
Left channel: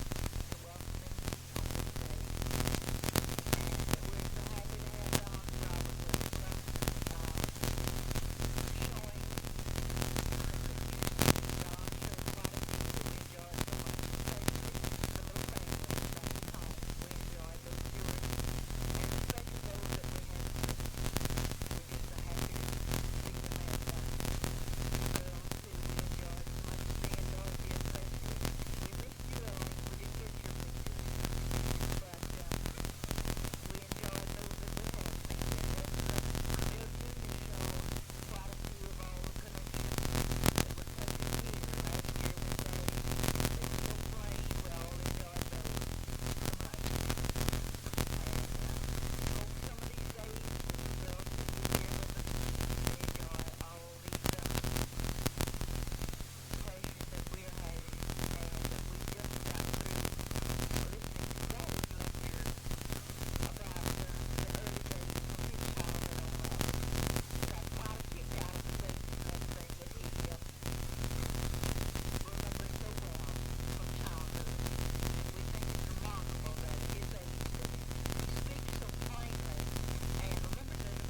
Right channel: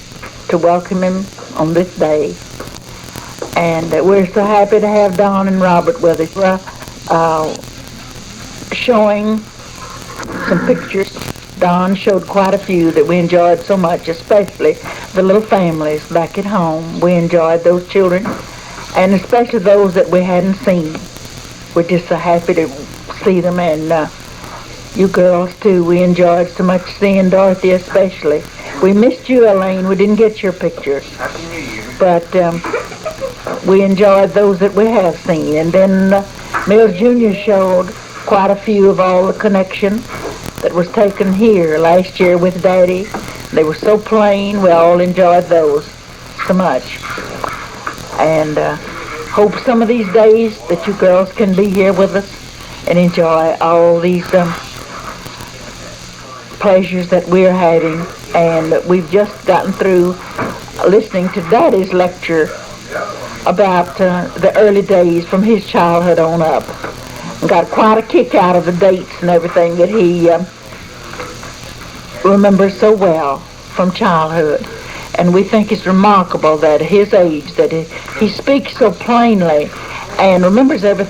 to welcome him on this day. And we're so happy to have Don and Robert with us. We're showing some pictures. Don showed quite a few that we enjoyed so much, especially the little families back at home. We enjoyed those children, and especially those that we hadn't seen. We're just so happy to see them, and you girls too. We enjoyed so much seeing Dorothy especially. We missed you, Elaine. We didn't get your picture. But we enjoyed those that we have seen. And then Mills Jr. showed quite a few of all the connection that was taken here last year with Daddy. They were so plain. We all enjoyed those so much. And hope some of these days that you girls can be here with us and enjoy all these pleasures that we're having. And we've just gotten through listening to Daddy's lecture about the early days from his childhood on up. And got quite a kick out of the dates and everything that he remembers so well from childhood. And we think it's remarkable that at his age that he speaks so plainly and remembers everything.